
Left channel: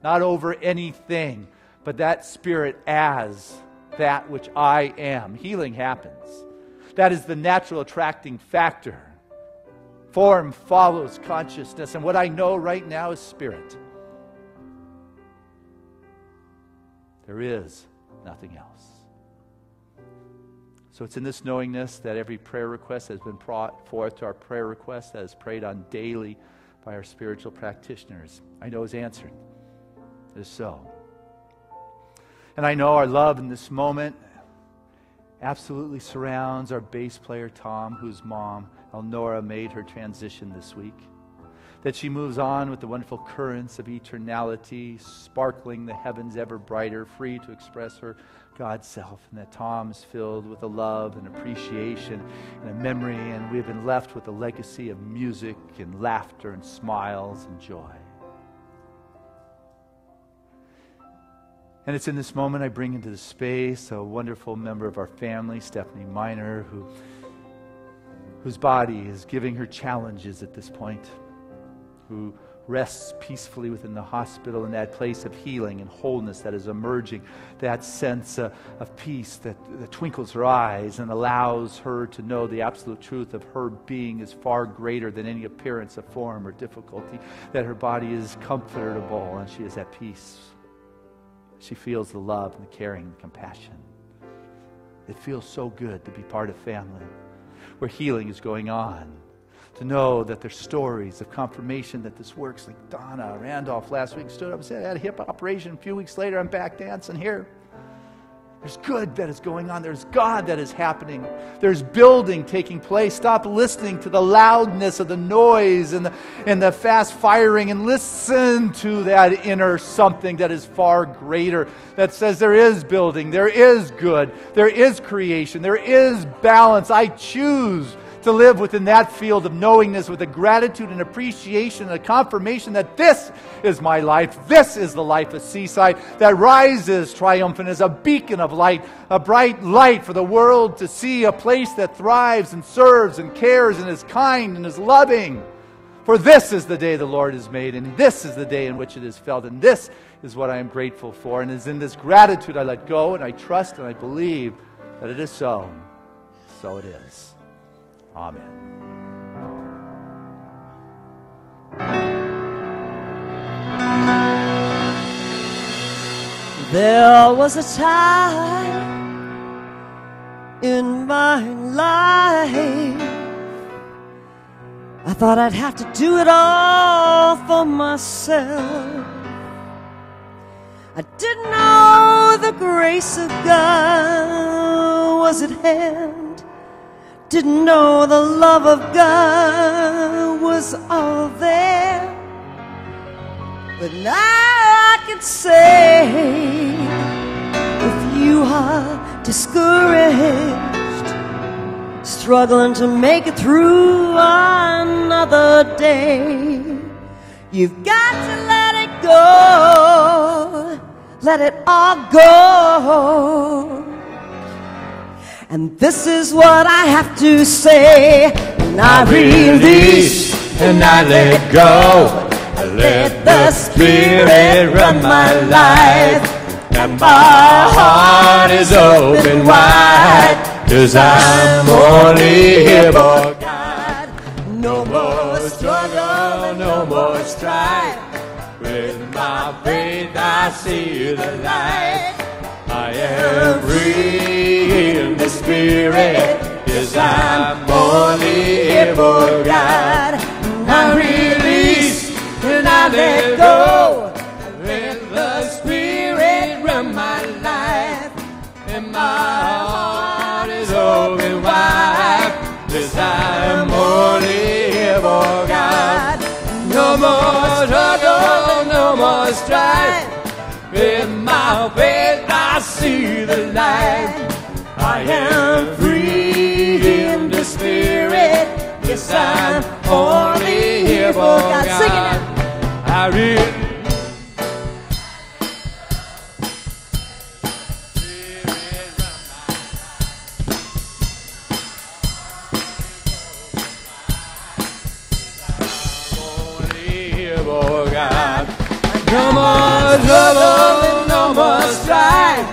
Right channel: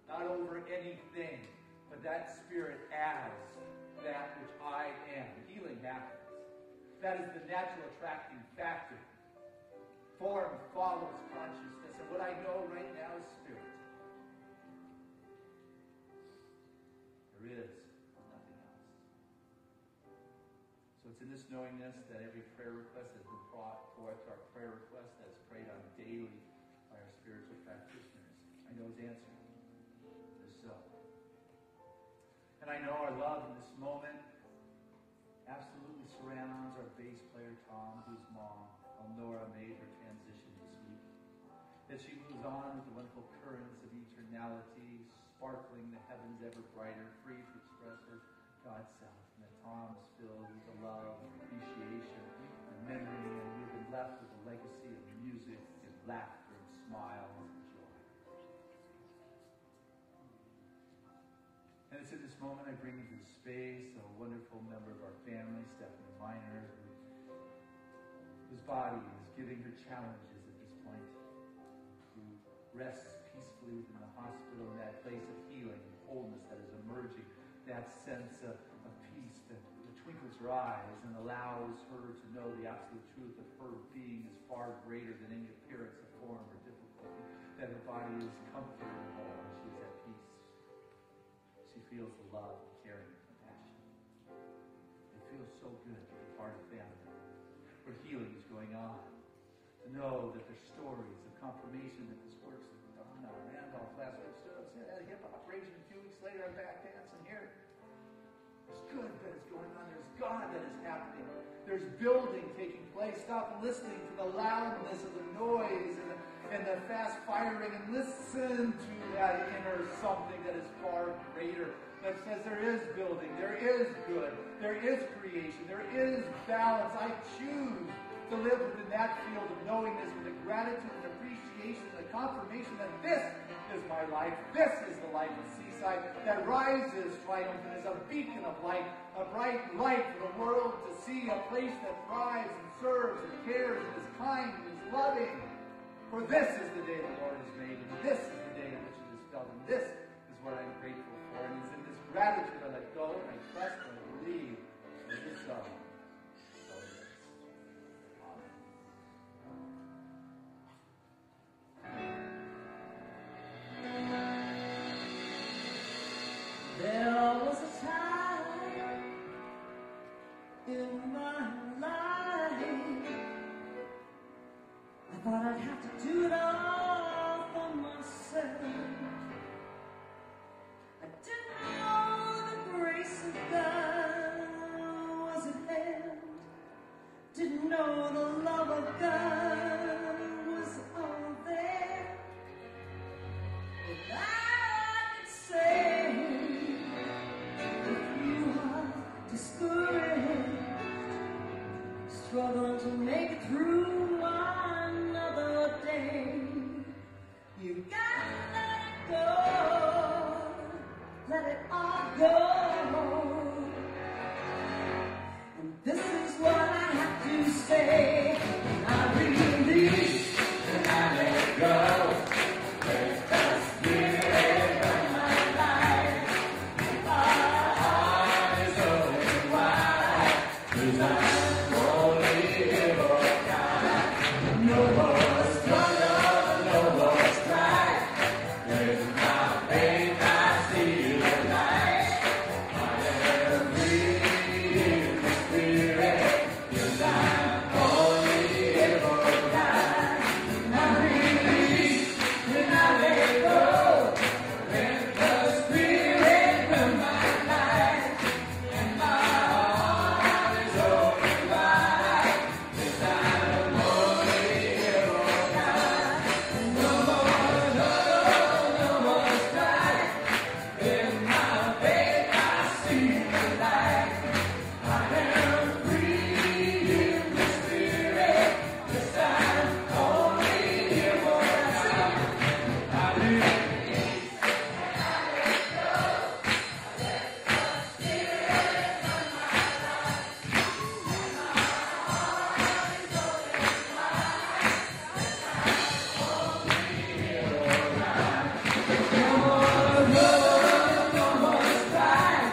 not over anything, but that Spirit as that which I am, healing happens. That is the natural attracting factor. Form follows consciousness, and what I know right now is Spirit. There is nothing else. So it's in this knowingness that every prayer request has been brought forth to our prayer request that is prayed on daily by our spiritual practitioners, I know is answered. It is so. And I know our love in this moment absolutely surrounds our bass player Tom, whose mom, Elnora, made her transition this week. That she moves on with the wonderful currents of eternality, sparkling the heavens ever brighter, free to express her God's self. And that Tom is filled with a love and appreciation and a memory, and we've been left with a legacy of music and laughter and smiles and joy. And it's in this moment I bring into the space a wonderful member of our family, Stephanie Miner, whose body is giving her challenges at this point, who rests peacefully within the hospital in that place of healing and wholeness that is emerging, that sense of peace that twinkles her eyes and allows her to know the absolute truth of her being is far greater than any appearance of form or difficulty, that her body is comfortable and she is at peace. She feels the love and the caring and compassion. It feels so good to be part of family where healing is going on. To know that there's stories of confirmation that this works. Like Donna Randolph last week stood up and said, I had a hip operation. A few weeks later, I'm back dancing here. There's good that is going on. There's God that is happening. There's building taking place. Stop listening to the loudness of the noise and the fast firing, and listen to that inner something that is far greater, that says there is building, there is good, there is creation, there is balance. I choose to live within that field of knowingness with a gratitude and appreciation and a confirmation that this is my life. This is the life of Seaside that rises triumphant as a beacon of light, a bright light for the world to see, a place that thrives and serves and cares and is kind and is loving. For this is the day the Lord has made, and this is the day in which it is felt, and this is what I am grateful for. And it is in this gratitude I let go, and I trust and I believe that it is so. So it is. Amen. There was a time in my life I thought I'd have to do it all for myself. I didn't know the grace of God was at hand. Didn't know the love of God was all there. But now I can say, if you are discouraged, struggling to make it through another day, you've got to let it go, let it all go. And this is what I have to say. And I release and I let go. I let the Spirit run my life. And my heart is open wide, 'cause I'm only here for God. no more struggle, No more strife. With my faith I see the light. I am free in the Spirit. Yes, I'm only here for God. I release and I let go. Let the Spirit run my life. And my heart is open wide. Yes, I'm only here for God. No more struggle, no more strife. With my faith I see the light. I am free in the Spirit. Yes, I'm only here for God. Sing it now. I really no more trouble, no more strife.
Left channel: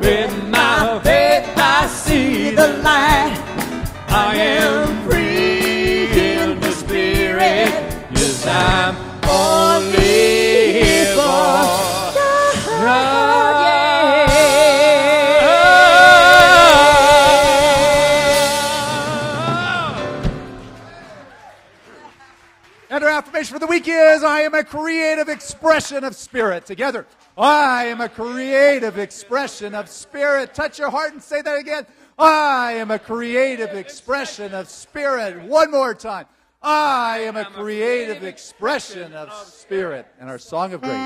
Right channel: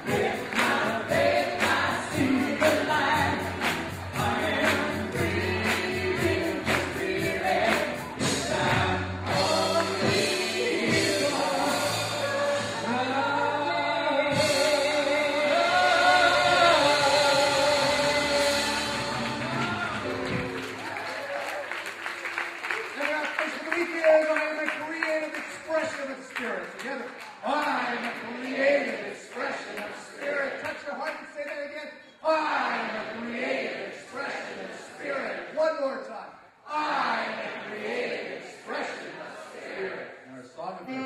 With my faith I see the light. I am free in the Spirit. Yes, I'm only here for God. And our affirmation for the week is, I am a creative expression of spirit. Together, I am a creative expression of spirit. Touch your heart and say that again. I am a creative expression of spirit. One more time. I am a creative expression of spirit. And our song of grace.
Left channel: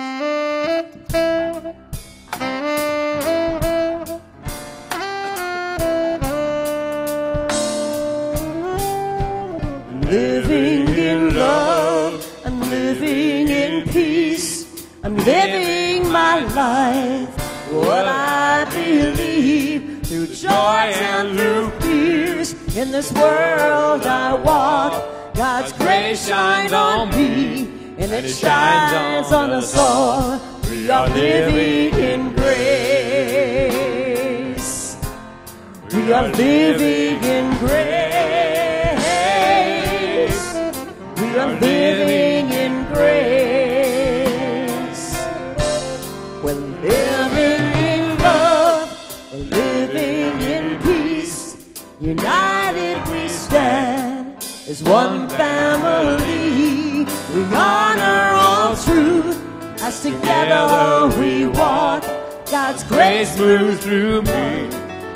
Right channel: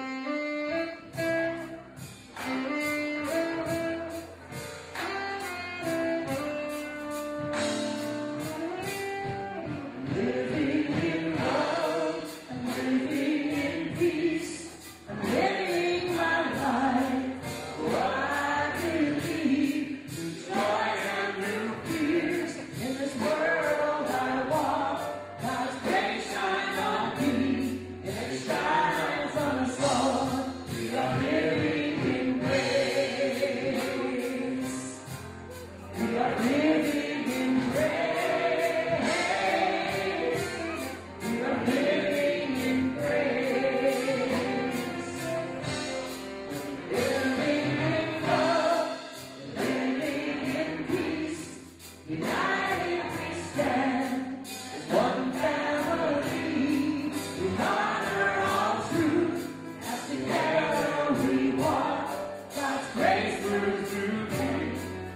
Living in love, I'm living in peace, I'm living my life, what I believe, through joys and through fears. In this world I walk, God's grace shines on me, and it shines on us all. We are living in grace. We are living in grace. We are living in grace. We're living in love. We're living in peace. United we stand as one family. We honor all truth as together we walk. God's grace moves through me,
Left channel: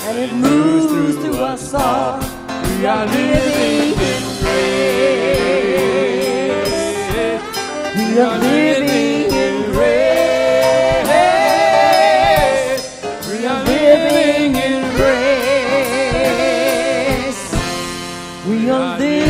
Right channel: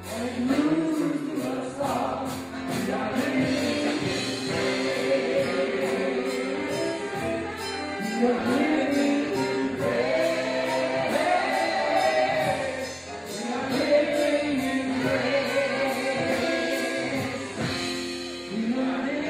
and it moves through us all. We are living in grace. We are living in grace. We are living in grace. We are living